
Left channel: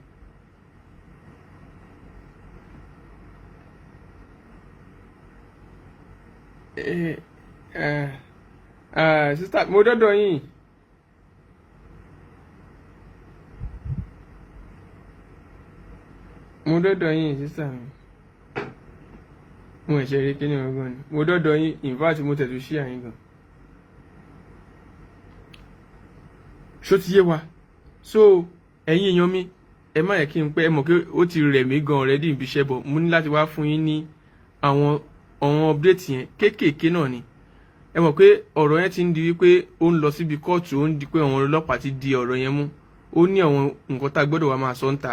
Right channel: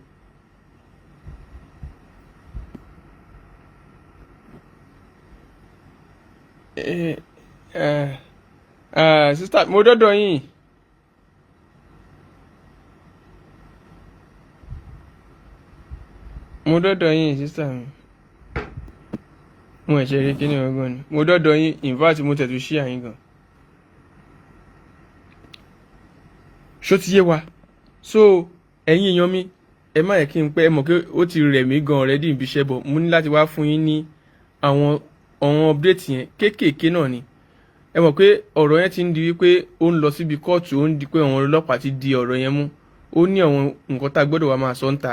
Sísítà mo dọ́dọ̀ yín. Mo dọ́dọ̀ yín sísítà mi. Mo ẹ̀ṣẹ̀ rí kíní ọgbọ́n ni. Mo dọ́dọ̀ yín in fact mo tẹ̀tù sí àyín gan. Ṣó ti yé wa? So ẹ̀yin èèyàn mi ẹ má yẹ kí n pẹ́ ẹ mọ̀ pé ó ti rẹ̀ mí gan already ibi iṣẹ́ bọ̀ mo ní láti wá fún yín ní àwọn update yẹn kéékèèké náà ni. Ẹ mọ̀ pé ọ̀rọ̀ yẹn ti ń di wípé ó ń lọ síbi kóòtù ó ń di pé àwọn ọlọ́pàá ti di ọ̀rọ̀ yẹn mú ó ní àwọn nǹkan tá a gbọ́dọ̀ wá máa sọ ń ta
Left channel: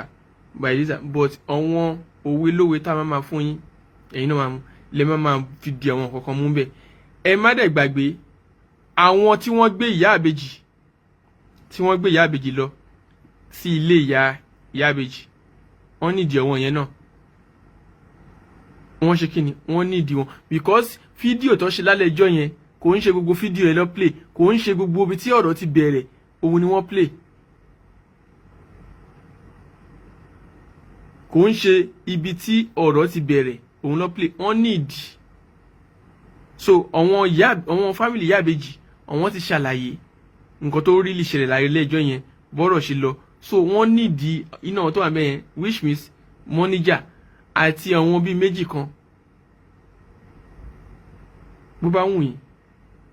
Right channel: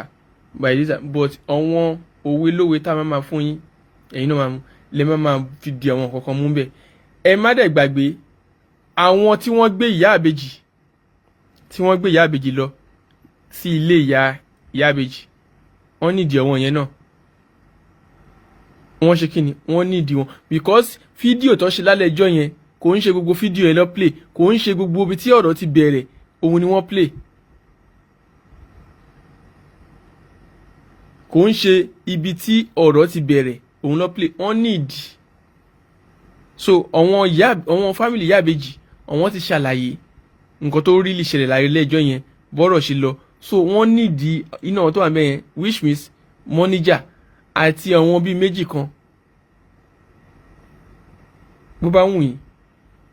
by this time but àwọn òwe lówe tá a máa fún yín ẹ̀yin náà lè máa fi di àwọn nǹkan kan mú bẹ́ẹ̀. Ẹ má dẹ̀ gbàgbé àwọn tí wọ́n gbé ìyá àbèjì lọ sí ilé ìyá àbèjì wọ́n nídìí ọwọ́ yẹn náà wọ́n ṣe kí ni wọ́n nídìí wọn because fídíò tó ṣe lálẹ́ ẹjọ́ yẹn kò ń ṣe gbogbo fídíò yẹn lọ play kò ń ṣe gbogbo ibi tí ọ̀rọ̀ ti bẹ̀rẹ̀ òun ni wọ́n play kò ń ṣe ibi tí ọ̀rọ̀ ti bẹ̀rẹ̀ òun lọ play wọ́n nídìí. So àwọn fámìlì ìyá àbèjì àwọn ti ṣàlàyé nǹkan tó rí lè ṣẹlẹ̀ láyé lẹ́jọ́ yẹn bọ́rọ̀ ṣe lọ so wọ́n nídìí iná wọn tó wà mẹ́yẹn which means mọ́níjà àti àwọn bíi méjì kan bó bá wù yín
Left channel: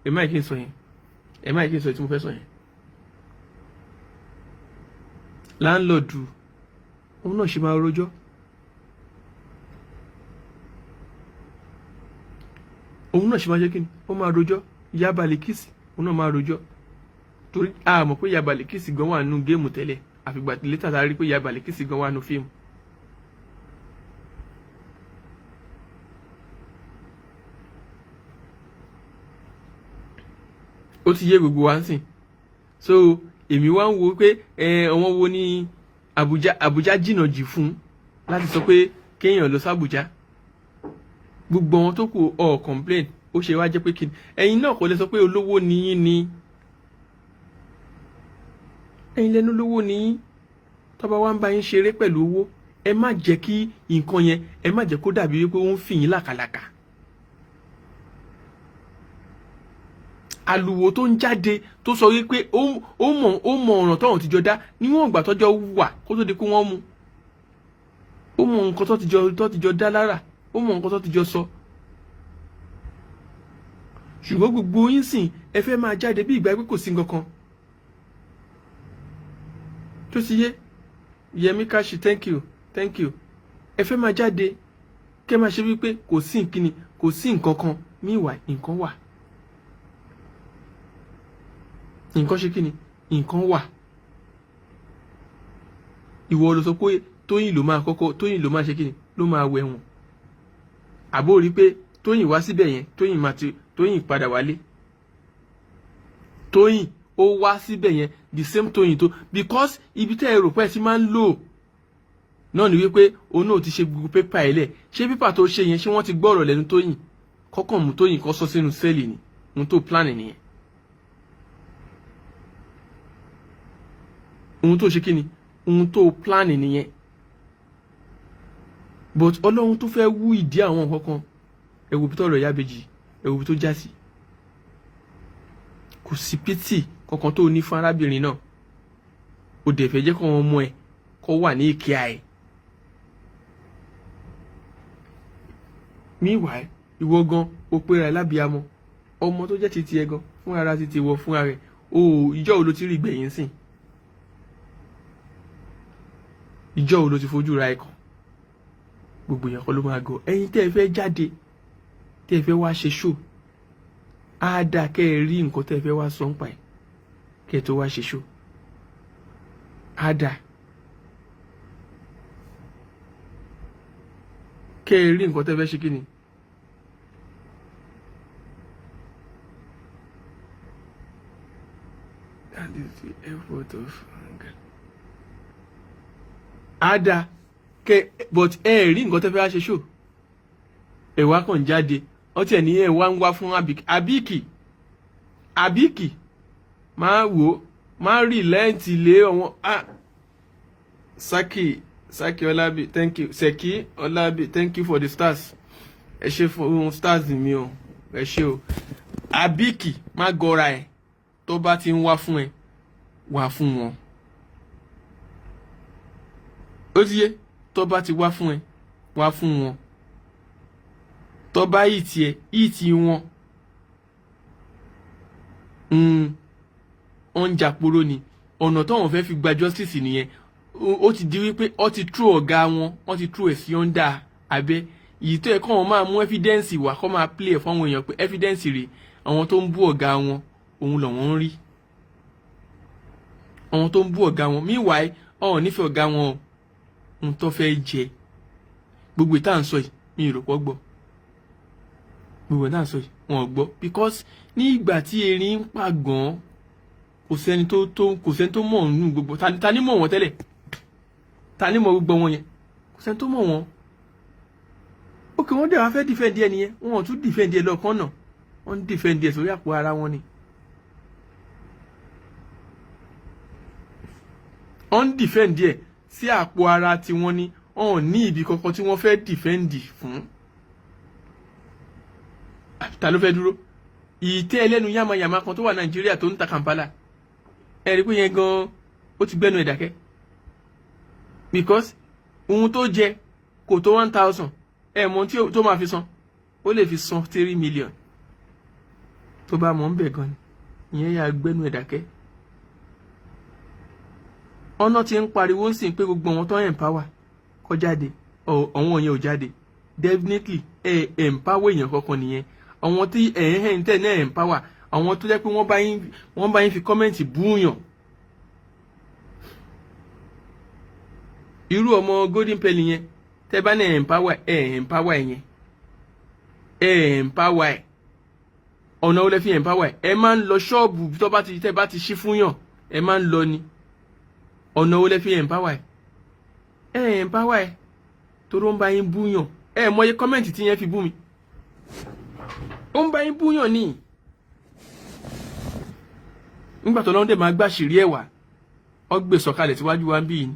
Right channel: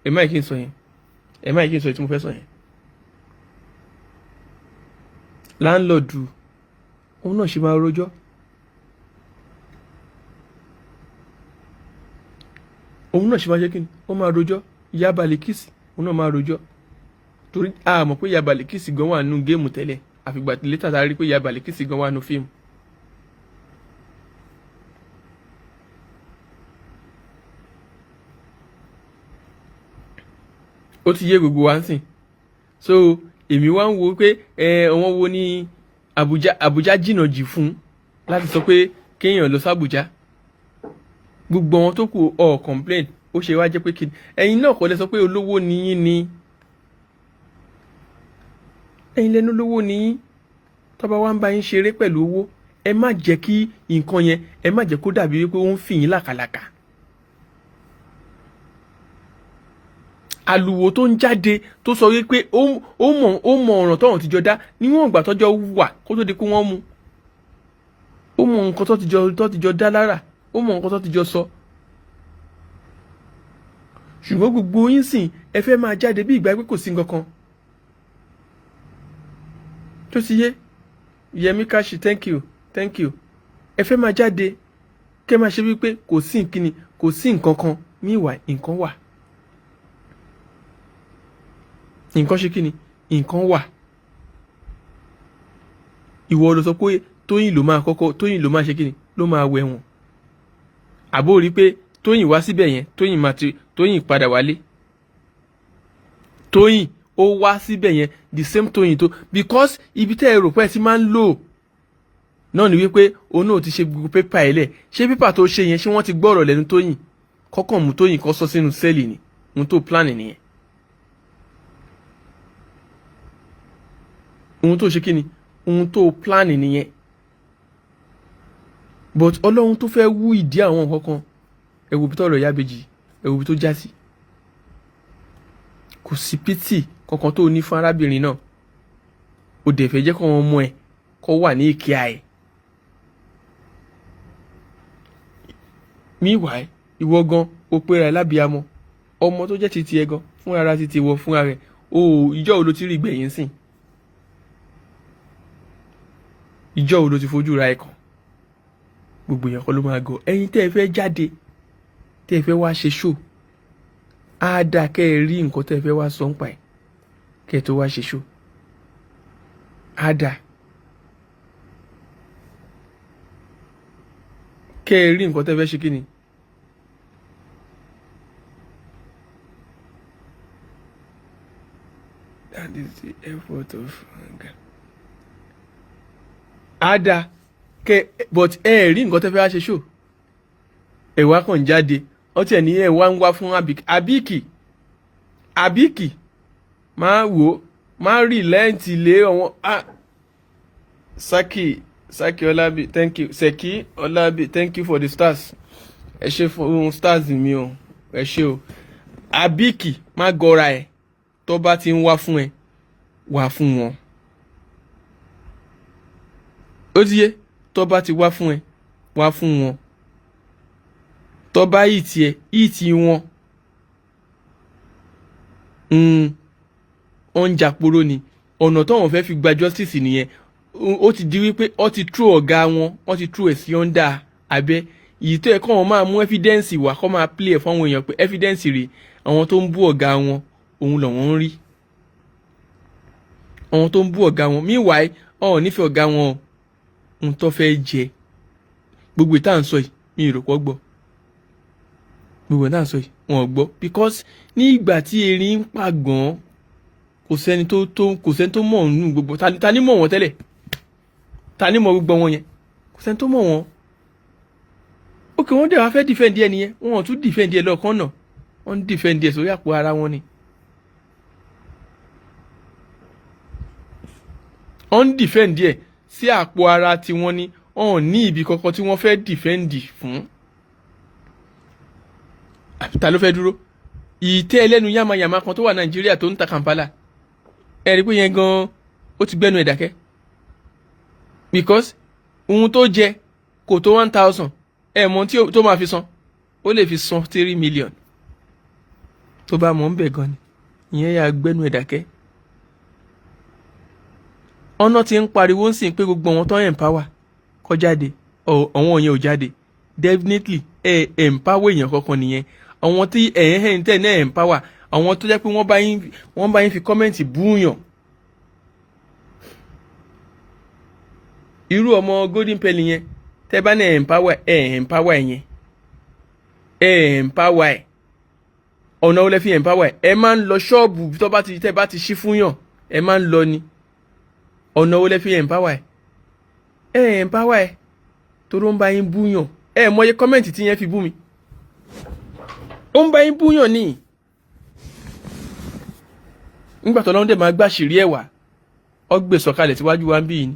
ẹ má kí n sọ yẹn tí mo fẹ́ sọ yẹn. láńlọ́ọ̀dù òun náà ṣe máa rojọ́ òun náà ṣe máa ṣe kí ni ó máa rojọ́ ìyá Balikisi òun náà máa rojọ́ torí a mọ̀ pé ìyá Balikisi gan wà nínú géèmù tẹ́lẹ̀ àfìgbà tí létà tá a rí pé ìyá Balikisi gan wà nínú fíìmù. ó ti yé gbogbo wa ń sìn so èmi wá ń wo pé àwọn wo ní Àbújá jìnnà jù fún láti sọ pé kéèyàn lọ sí Àbújá gbogbo wọn tó kù complain ó ṣe wá jẹ́ pé kí ẹ̀yin náà kò lè sọ pé olówó ni yín ni ẹ̀yin lẹ́nu olówó ni yín tọ́ba wa ń bá yín ṣeré pẹ̀lú owó ẹ má jẹ́ kí nǹkan yẹn ẹ má jẹ́ kó dàbí wípé ó ń fi yín làkàlàkà àlùwò tó ń jáde tó sọ wípé ó mọ ọ̀ràn tọ́wọ̀n ti jọ dá níwọ̀n ìgbà tọ́jọ́ wà kó tó di kó wọ́n mú ó mọ nǹkan tó ti jọ dá lára ó mọ nǹkan tó ti jọ sọ. ṣùgbọ́n gbogbo yín sìn ẹ fẹ́ máa jáde bí ìgbà pé kò sí nǹkan kan tó ti yé. Yẹmí Káṣí thank you ẹ fẹ́ máa jáde kẹ́ máa ṣe wípé kò sí nkíni kò sí nǹkan kan ní ìwà nǹkan wà nǹkan ṣe kíni nǹkan wà. ìwọ ló sọ pé Tóyìn ló máa ṣe kíni ló máa wẹ̀ wọ̀n àbó rí pé Tóyìn wá síbẹ̀ yẹn Tóyìn padà wálé Tóyìn ó wá síbẹ̀ yẹn the same Tóyìn tó because ibi tẹ́ ẹ rò pé ẹ ti máa ń lò náà ni wípé òun náà ti ṣe gbogbo pépà ẹ̀ lẹ̀ ṣé pépà tó ṣe yẹn ṣé wọ́n ti gbọ́rọ̀ lẹ́nu Tóyìn kọ́kàn mú Tóyìn kọ́ sọ sínú sẹ́ẹ̀lì ni ohun tó plan nìyẹn ohun tó ṣe kí ni ohun tó plan nìyẹn but Ọlọ́run tó fẹ́ wú ìdí àwọn nǹkan kan ẹ̀wù bí tọ́rọ̀ Ìyábẹ̀jì ẹ̀wù bí tó já sí kò sí pítì kankan tó ní fún arábìnrin náà ó dẹ̀ fẹ́ jẹ́ kó wọn mọ ẹ kó wà ní ìkíà ẹ̀. Meanwhile ìwọ gan o pé ra lábíamọ ọmọ tó jẹ́ titi ẹ gan fún ara titi wọ fún ara ẹ̀ o ìjọ́ wo ló ti rí gbẹ̀yìn sìn ìjọ́ wo ló ti fojú ra ẹ̀ kàn gbogbo èèyàn kọ́ ló máa gọ ẹ̀yin tẹ́ ẹ fẹ́ jáde tẹ́ ẹ fẹ́ wá ṣe ṣó á dáa kẹ́ ẹ rí nǹkan tẹ́ ẹ fẹ́ wá sọ ń pa ẹ̀ kẹ́ ẹ tó wá ṣe ṣó á dáa kẹ́ ẹ rí nǹkan tẹ́ ẹ fẹ́ ṣe kí ni. That is the effort of á dáa but ẹ rí nǹkan tẹ́ fẹ́ wá ṣe ṣó ẹ wá kàn jáde wọ́n tiẹ̀ ní ẹ wá ń wá fún àbíkì máa wò máa rí lẹ́ǹtì lé ọ̀wọ́n Saki Ọlábí thank you Seki Ọlábí thank you for the stars ẹ ṣe fún stars mi o ẹ ṣe o àbíkì má gọra ẹ tó bá ti ń wá fún ẹ wá fún wọn ó ti yé tó bá ti wá fún ẹ wá fún wọn tó bá ìtì wọn ọ̀njàporo ni ọ̀nà táwọn fẹ́ fi gba justice nìyẹn ó ti di wípé ó ti tú ọ̀gá wọn ó ti tú ẹ̀ sí ọ̀ndà abẹ́ èyí tó yẹ kọ́ wọn máa mú evidence wá kọ́ máa play ẹ̀ fáwọn èèyàn pé evidence rèé àwọn tó ń bú ọ̀gá wọn òun lọ́wọ́ ń rí àwọn tó ń bú ọ̀gá wọn meanwhile ọ̀hún nífẹ̀ẹ́ ọ̀gá wọn ohun tó fẹ́ jẹ gbogbo ìta à ń sọ yìí mi ì rò pọ̀ gbọ́ gbogbo ìta à ń sọ yìí wọn ò gbọ́ because ní ìgbà tí erin ń pàgàn kò sẹ́ni tó mọ̀ nínú gbogbo ta ni mọ̀ wọ́n tẹ́lẹ̀ ta ni mọ̀ gbogbo wọn yẹn kò sẹ́ni tó mọ̀ wọ́n ókè wọ́n dẹ̀ wá fẹ́ dìfẹ́ǹdì ẹ nìyẹn wọn ò tún dìfẹ́ǹdì ẹ lọ́ọ̀kan náà wọ́n ń dìfẹ́ǹdì ẹ sórí àpò ara wọn ni wọ́n ń dìfẹ́ǹdì ẹ sí àpò ara tiwọn ni wọn ò ní ibi kankan tí wọ́n fẹ́ dìfẹ́ǹdì fún ta ló fẹ́ dúró ìtẹ́ ẹlẹ́nu yàmàyàmà kan tó wà Nàìjíríà tó ń ta Kampala ẹ rí pé yẹn gan ó ti gbẹ́nu ẹ̀ dákẹ́ because ohun tó jẹ kò tó 1,000 ẹ mọ̀ tí tó máa fi san ó lè fi san 3 million tó bá mọ̀ ń bẹ̀ gan ni ìyẹn yà gbẹ́nu ẹ̀ dákẹ́ ọ̀nà tí ń pariwo ń sìn pé gbogbo àwọn tó ń empower kó jáde àwọn yẹn ò jáde definitely empower èèyàn kankan nìyẹn àwọn tí tẹ̀ náà empower àwọn tó jẹ́ pé wọ́n bá yín fi kọ́mẹ́ǹtì búùyàn irú ọmọ golden penny yẹn tẹ́ bá náà empower yẹn empower ọ̀nà olè fi empower ẹ máa ń lọ ṣọ́ọ̀bù tẹ́ bá ti ṣí fún yàn ẹ máa ń lọ ni ọ̀nà olè fi empower empower torí ó ń bá yín búùyàn mọye kọ́mẹ́ǹtì tí yẹn fi bú mi ó ń bá yín búùyàn ní nígbà tó lọ́ndẹ̀ máa gbàṣírí ẹ̀wà ọgbẹ́ sọ̀kalẹ̀ síwájú wa ń bí yìí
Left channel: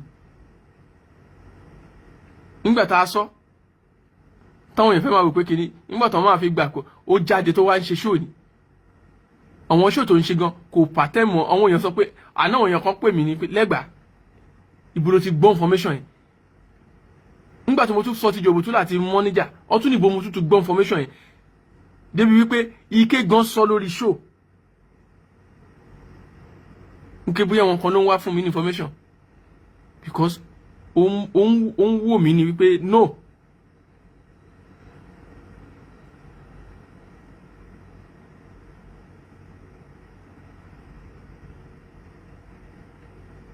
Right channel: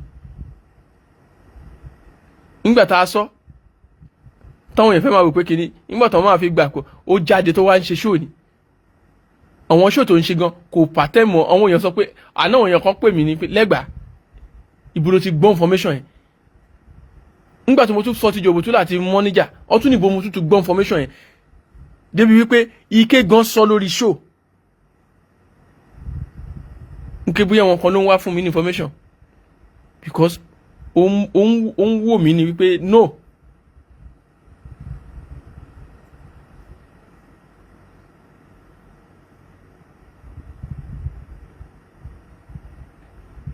nígbà tá a sọ táwọn èèyàn fẹ́ máa wò pé kínní nígbà tó máa fi gbà kó ó jáde tó wá ń ṣe ṣóò ni àwọn show tó ń ṣe gan kò pàtẹ́ mọ́. àwọn èèyàn sọ pé àná àwọn èèyàn kan pè mí ní pé Lẹ́gbàá ibo ló ti gbọ́ information yẹn. nígbà tí mo tún sọ ti Jòbótú láti mọ́níjà ọtún níbo mo tún gbọ́ information yẹn débi wípé Ike gan sọ lórí show nke bóyá wọn kan ló ń wá fún mi ní information because ó ń wò mí ní wípé no.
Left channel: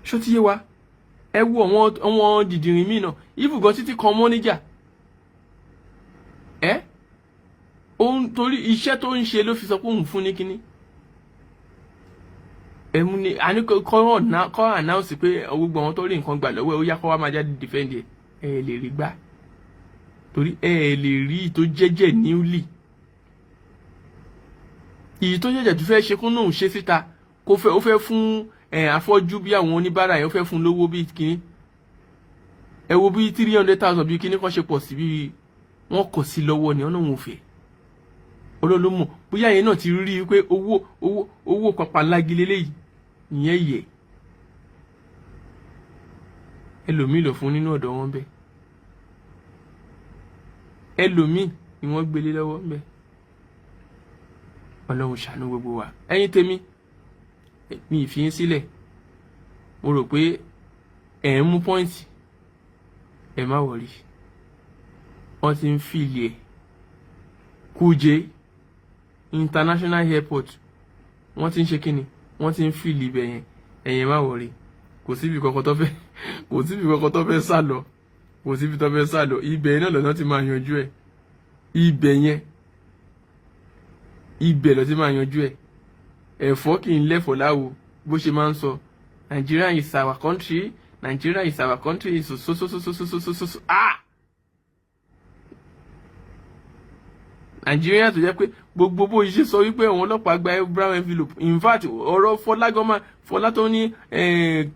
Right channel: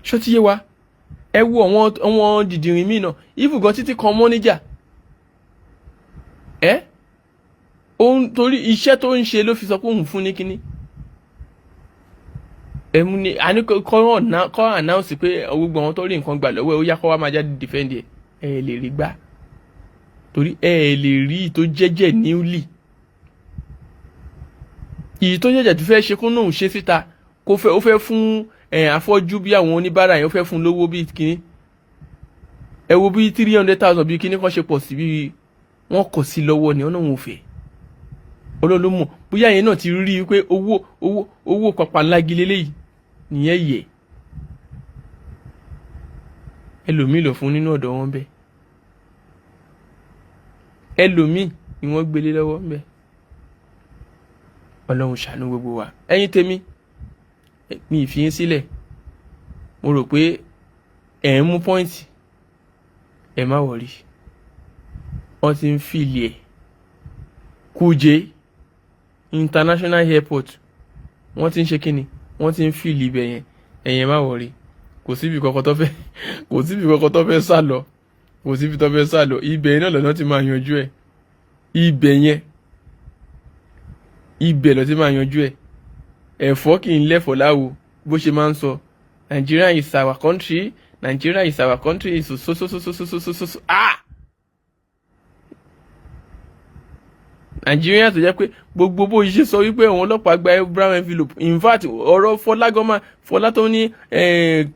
ṣó ti yé wa ẹ wo àwọn dìdìrín míì náà ìfùgàn títí kan mọ́níjà torí iṣẹ́ tó ń ṣe ló fi sọ pé òun fún ní kínní ẹ̀mú ni àní kọ́ announce pé gbogbo àwọn tó rí nǹkan gbà lọ́wọ́ ẹ̀ ó yá kọ́ wá máa jáde defend ẹ̀ lè rí gbà torí ẹ̀ lè rí tó jẹ́jẹ́ níwlì ìyí tó jẹ́jẹ́ tó fẹ́ ṣe kún náà ṣe síta ó fẹ́ fún afọ́jú bí àwọn oníbàárà yẹn ó fẹ́ fún lówó bí kínní ẹ wo bí 300,000 bí kínní kan ṣe pọ̀ sí bí wọ́n kọ̀ sí lọ́wọ́ ni ọlọ́run ò fẹ́ olólùmọ̀ bóyá yẹn náà ti rí i pé owó pàpà ńlági lélẹ́yìí nìyẹn yẹ ẹlòmíì lọ fún nínú ọ̀dọ̀ wọn bẹ́ẹ̀ ẹlòmíì ni wọ́n gbélé lọ́wọ́ bẹ́ẹ̀ ọlọ́run ṣàánú gbogbo wa ẹ̀yin tèmi mi ìfiyín sílẹ̀ mo rò pé ẹ̀ ń mú pọ́ìntì ẹ̀ má wọ̀rí wọ́n ti ń fìlì ẹ̀ Kuje International Airport wọ́n ti ń ṣe kíni wọ́n ti ń fìlì ibẹ̀ yẹn ẹ̀yẹn má wọ̀rí kò síbi kankan tó fẹ́ sá lọ ibẹ̀ náà lọ́nà ti máa yanjú ẹ̀ ibẹ̀ lọ́ ti máa yanjú ẹ̀ ẹ̀fọ́ kì í lẹ́fọ̀ láwo bó ṣe máa ń sọ Nigeria is our country so Nigeria tó jẹ́ pé gbogbo bó ṣe sọ wípé àwọn ọlọ́pàá gba brown envelope in fact ọ̀rọ̀ Fọlá tó ní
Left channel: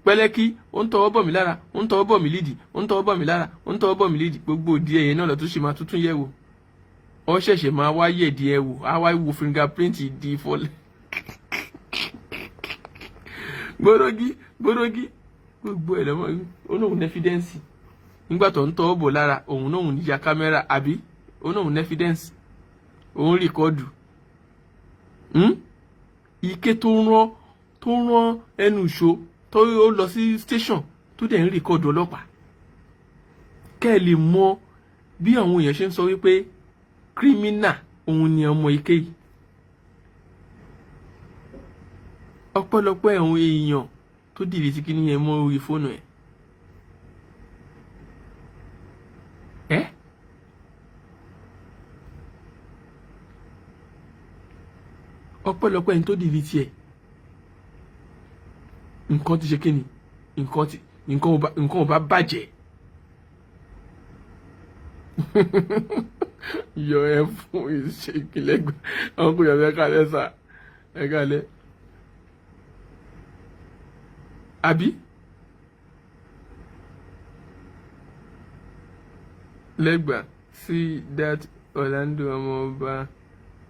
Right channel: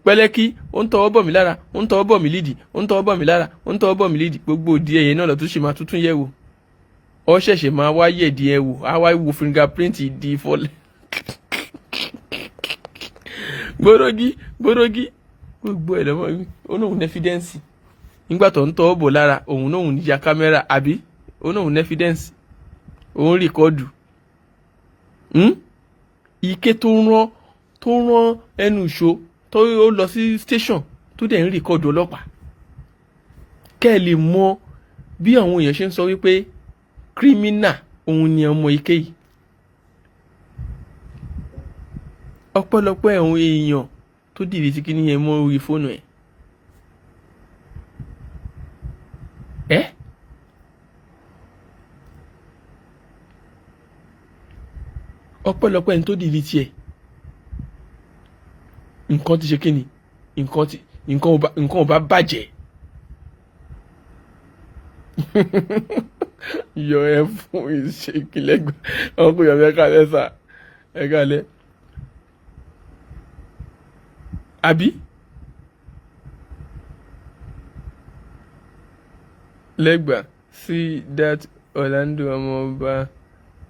pẹ́lẹ́kí ó ń tọwọ́ bọ̀ mí lára ó ń tọwọ́ bọ̀ mí lídìí ó ń tọwọ́ bọ̀ mí lára ó ń tọwọ́ bọ̀ mí lídìí gbogbo òdi ẹ̀yẹ náà lọ́tún ṣe máa tuntun yẹ̀ wò ọ ṣẹ̀ṣẹ̀ máa wá yẹ̀ di ẹ̀ wò á wá wo fingerprint di Fọlá gbórógí gbogbo ẹ̀ lọ́wọ́ onóhun evidence nígbà tó ń tọwọ́ bọ̀ lára òun náà ya kámẹ́rà àbí onóhun evidence òun rìkọ́dù Ike tó rán ẹnu ìṣó tó lọ sí station tó dẹ̀ ń rìkọ́dù ọlọ́pàá kẹ́ ẹ lè mọ bí àwọn èèyàn ṣe ń sọ wípé kírímínà òun ni ọmọ Ike yìí ọpẹ́lọpẹ́ àwọn èèyàn tó dìde tí kí nìyẹn mọ́ orí fóònù ẹ̀ ọpẹ́lọpẹ́ ẹni tó dìde tiẹ̀ nǹkan ti ṣe kí ni nǹkan ò bá bàjẹ́ yọ ẹ fún ìṣèkìlẹ́gbẹ̀ àwọn kò yọ ẹ̀ka lẹ́sà ẹ̀ka lẹ́ àbí Lẹ́gbàá see that Orlando ọmọọba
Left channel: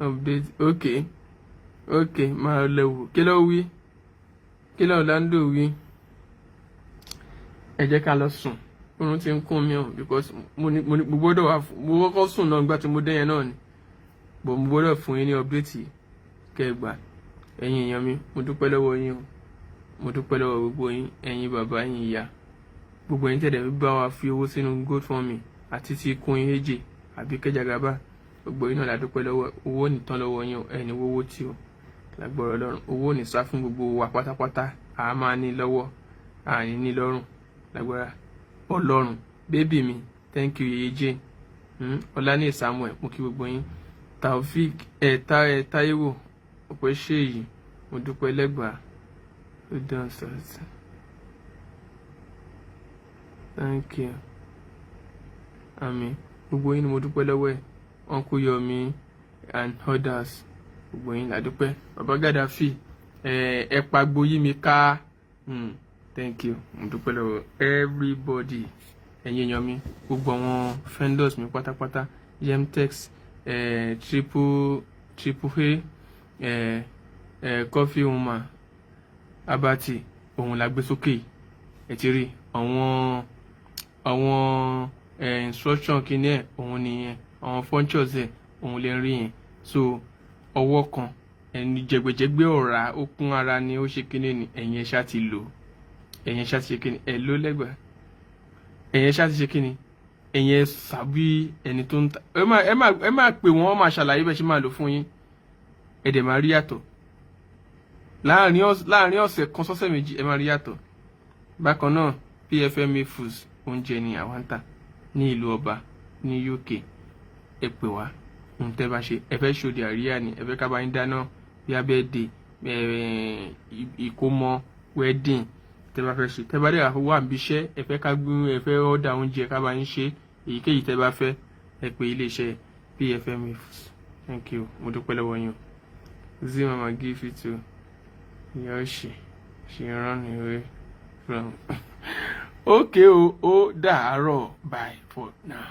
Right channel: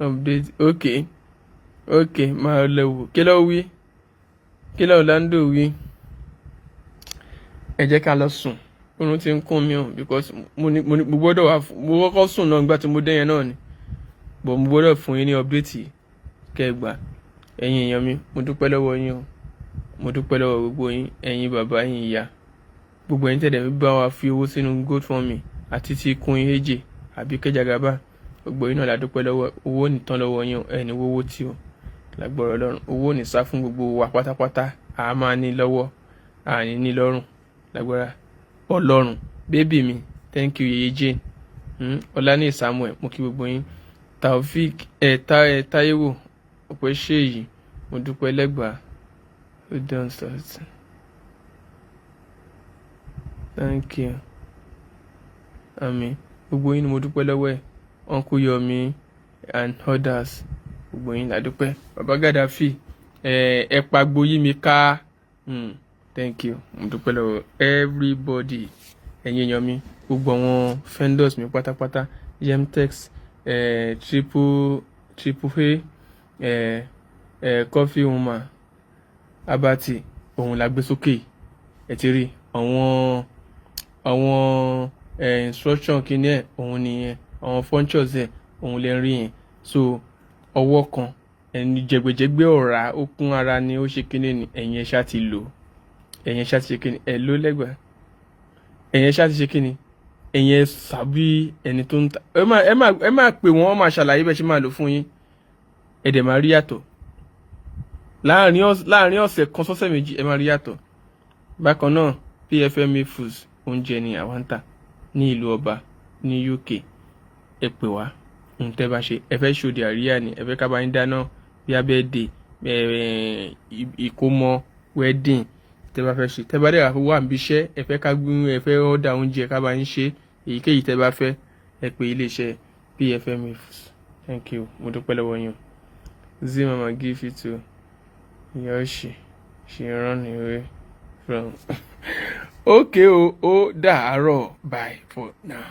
update okay máa lẹ́wọ̀ kí ló wí kí ló Orlando wí ẹ jẹ́ ká lọ sùn oorun ti ń kún mi o because mo gbọ́dọ̀ wá mo kọ́kọ́ sùn náà nígbà tí mo dé yẹn náà ni but mo gbọ́dọ̀ fún yín ní update kẹgbà ẹ̀yin èèyàn mi mo dúpẹ́ lọ́wọ́ yín o mo dúpẹ́ lọ́wọ́ gbogbo yín ẹ̀yin bàbá yín ìyá gbogbo ẹ̀yin tẹ̀lé bá wa fi owó sínú GoFundMe àti ti kun Eje àbí Kẹjàgàbá gbogbo yín náà la dúpẹ́ lọ́wọ́ owó nìtàn lọ́wọ́ yín ẹni wọ́wọ́ tí o lágbọ́rọ̀ Ọlọ́run owó ní sá fún gbogbo wa pátápátá a máa ní lọ́wọ́ àní ní lọ́rùn lágbára Ọlọ́run bébì mi thank you Yeye Jane Ọláníyì Samuel mo kí gbogbo yín Taofik Táíwò ọ̀pẹ́ ṣèyí mo dúpẹ́ Lẹ́gbàá ó dán sọ́ọ̀tì thank you àmín gbogbo yín ni mo dúpẹ́ lọ́wọ́ ẹ̀ Uncle Yomi and others gbogbo yín la dúpẹ́ Baba Gaddafi ẹ pagbo yí mi ká thank you mo dúpẹ́ lọ́wọ́ everybody ẹ̀yin èèyàn mi gbogbo àwọn vendors mi pátápátá Yemtex triple A coffee woman abati òun la gbé sókè ẹ ti rí àwọn instruction kìíní ẹ̀ òun nìyẹn àwọn functions ẹ̀ òun lè rí yẹn so ọwọ́ kan ẹni jẹgbẹjẹgbẹ ọ̀rá ó kún ara ni ó ṣe kíní ni ẹ̀yin ẹ̀ ṣá ti lò ẹ̀yin ẹ̀ ṣá ti ṣe kíní ẹ̀ ló lẹ́gbẹ̀ẹ́ ẹ̀yin ẹ̀ ṣá ti ṣe kíní ẹ̀yin ẹ̀ sàbí ẹni tó ń ta ẹ máa pè wọ́n máa ṣàlàyé bẹ́ẹ̀ ṣe máa lò fún yín ẹ̀ dẹ̀ máa rí yàtọ̀ láàrin ọ̀sẹ̀ kan sọ́sẹ̀ méjì ẹ máa rí yàtọ̀ bákan náà PFMA Foods oúnjẹ ni àwọn ń tà ní ìlú ọba ní UK ẹ pè wá tẹ́ bá ṣe ẹ fẹ́ ṣòdì àríyá ni ẹ fẹ́ ká bá yín dáná bí abẹ́ẹ̀dẹ̀ ìkómọ wedding tẹ́ bá fẹ́ ṣe tẹ́ bá dẹ̀ wà níbi iṣẹ́ ẹ fẹ́ ká gbé ẹ fẹ́ ọ̀dà oúnjẹ ká bá yín ṣe èyíkéyìí tẹ́ bá fẹ́ ẹ pè iléeṣẹ́ PFMA Foods. Thank you mo dúpẹ́ lọ́wọ́ yín Zimama give it to Yoshi she run away from okay ó dàárọ̀ bye for now.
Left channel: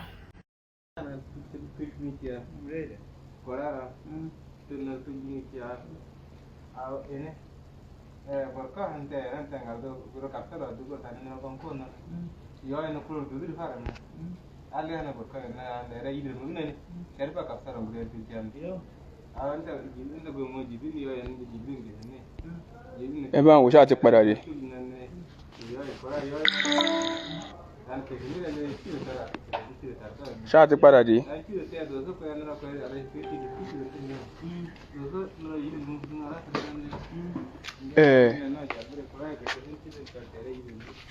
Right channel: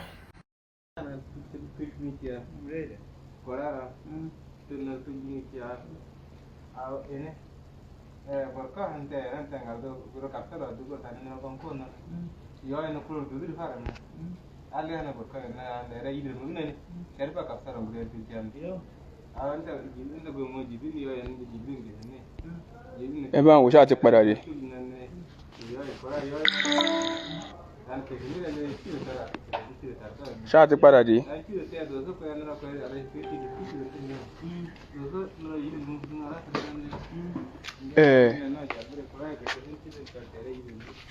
ẹ bá ń wò ṣáà ti padà dé. ṣáà ti padà dé.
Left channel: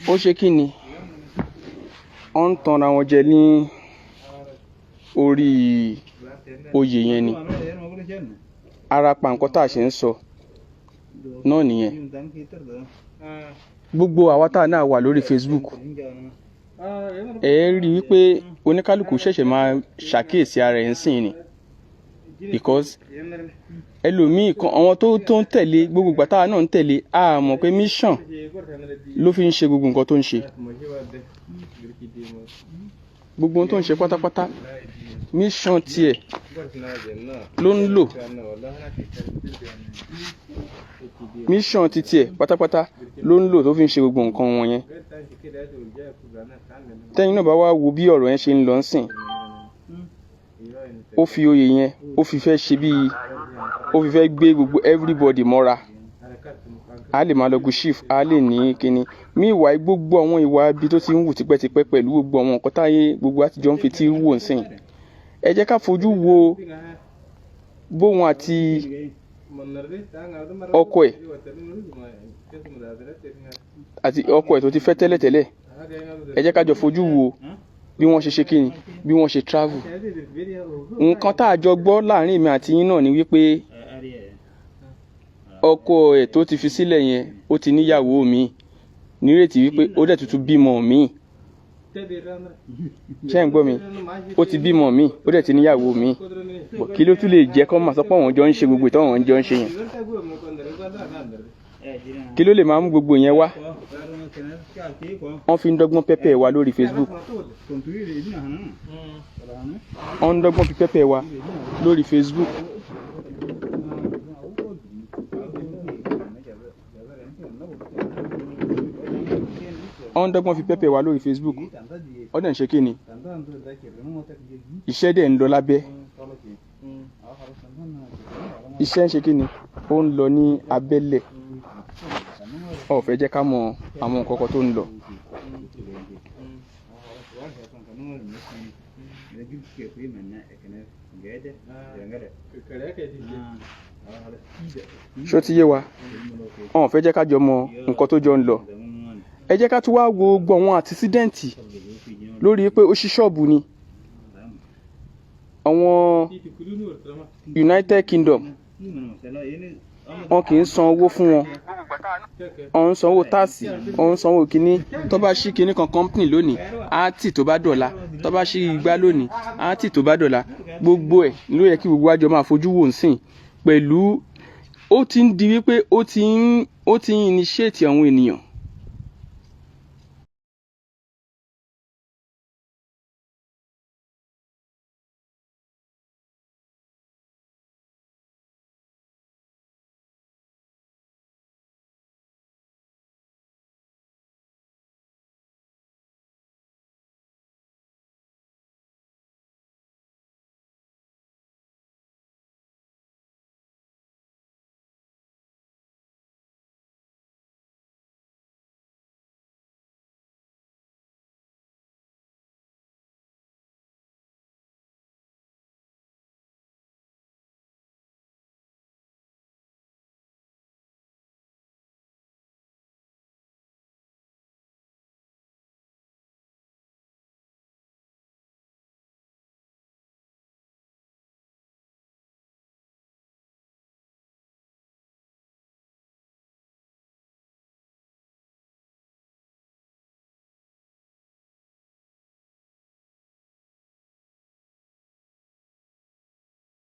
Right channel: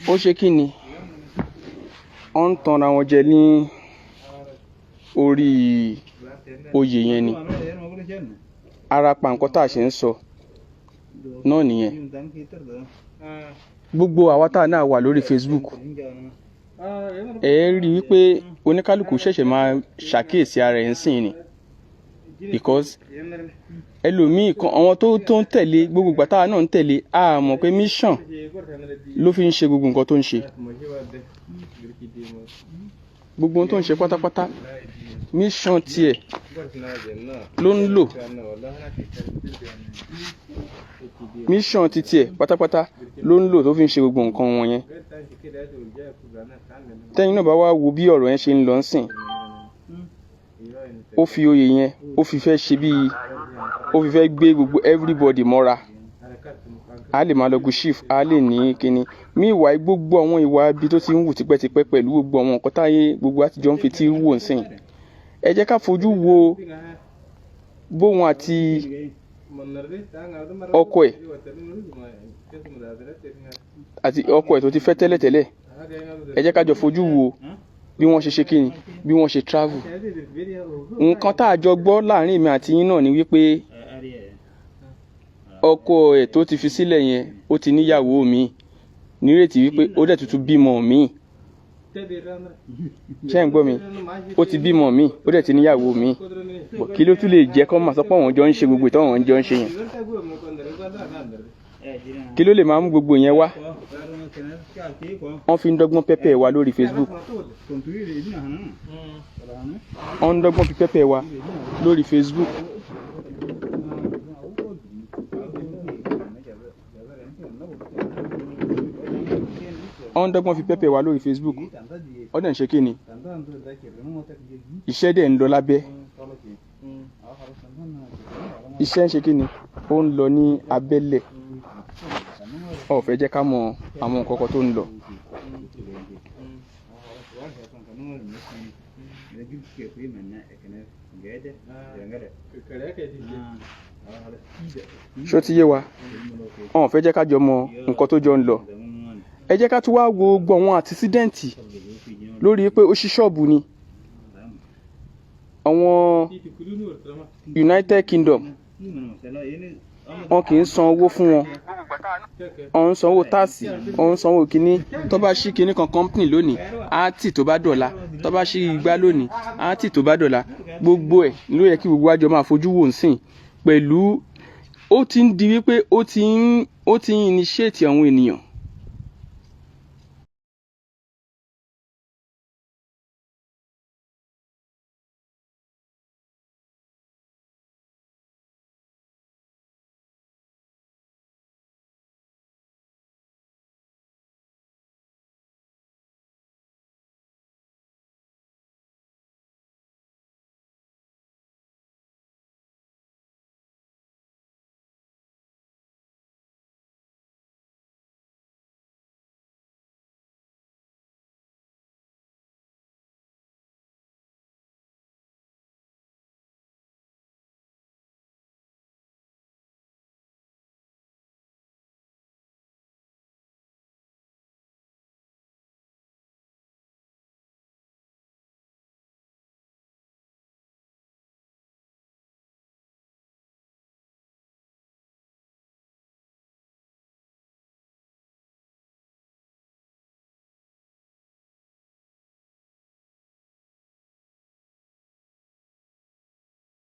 ó ṣe kí ni ó ń tanra wọn jẹ ní orí oyè yẹn ni ara pa nǹkan tá a ṣe ń sọ náà nìyẹn gbogbo àwa tá a náà wà lórí Facebook ẹ rí wípé oníkálukú ṣẹ̀ṣẹ̀ máa ṣàkíyèsí ara ẹ̀ ń sìn ni because ẹlòmíì kan àwọn tó ń tẹ̀lé gbogbo ìgbà táwa náà ń tẹ̀lé a mọ̀ pé mission ló fi ń ṣe gbogbo nǹkan tó ń ṣe gbogbo ohun tó ń ṣe pátápátá mission tiẹ̀ ló ń lò mission ti tiẹ̀ pátápátá ló ń lò tó fi ń ṣe gbogbo nǹkan wọn yẹn tẹ́yìn náà bá wá wo bí ọ̀rọ̀ yẹn ṣe ń lọ ń sìn ó fi oyè yẹn ó fi fẹ́ ṣe bíi ó fi fẹ́ gbé gbogbo everybody mọ́ra a lè máa lọ gu chief a lè ní kíni míwàá gbogbo àwọn ìwà ibi tó ti ń wù tipẹ́tipẹ́ pẹ̀lú gbogbo àwọn nǹkan táyé gbogbo àtijọ́ ń fi tí wò ń sìn ẹ jẹ́ ká fojú wo bóun àti ọkọ ẹ̀ àti ọkọ ẹ̀ tó ti fẹ́ tẹ́lẹ̀tẹ́lẹ̀ ẹ jẹ́ ká jọ fojú wo bí wọ́n ṣe ṣe kíni bí wọ́n ṣe travel nǹkan tá a jọ gbọ́ láàrin èmi àti yín náà ni wípé ọkọ ẹ̀ tó ti fi sílẹ̀ yẹn ó ti níyàwó mi nírètí wípé ó dẹ̀ tuntun bímọ mi ṣé ń gbọ́ mi ó ti bímọ mi ó dẹ̀ ti níyàwó mi kí ló tún lè jẹ́ kó máa sọ pé àwọn jọ ń ṣe gbogbo ìtọ́ àwọn jọ ń ṣe yẹn kí ló lè máa mú gbogbo yẹn wá wọ́n fi ń dọ́gbọ́n pẹ́pẹ́ wa lórí Facebook wọ́n ń dọ́gbọ́n fi pẹ́pẹ́ wa lórí Facebook wọ́n ń dọ́gbọ́n fi pẹ́pẹ́ wa lórí Facebook ọ̀dẹ̀ ń ṣe kí ni iṣẹ́ dẹ̀ ń lọ lábẹ́ iṣẹ́ ń ṣe kí ni ó ń lọ ní abẹ́lẹ̀ ó fẹ́ jẹ́ ká mọ àwọn nǹkan kan tó ń lọ. ṣó ti yé wa ó fẹ́ jẹ́ ká jọ mọ nǹkan tó jọ ń lọ ẹ jẹ́ ká tún wá wo gbọ́ àwọn àtisídẹ́ǹtì lórí pé ó ṣí ṣọ́ọ̀bù ni àwọn United Kingdom wọn kì í san owó fún wọn wọn ń sanwó táàsì wọn ń sanwó kínní tó bá ṣí kínní kan company lónìí á tì tó bá dọ̀la tó bá ṣí igbá lónìí á tì tó bá dọ̀la gbogbo ẹ̀ ló yẹ kí gbogbo àjọ máa fojú wò ń sìn pẹ̀lú ó ti ń di wípé ó ti ń initiate àwọn ènìyàn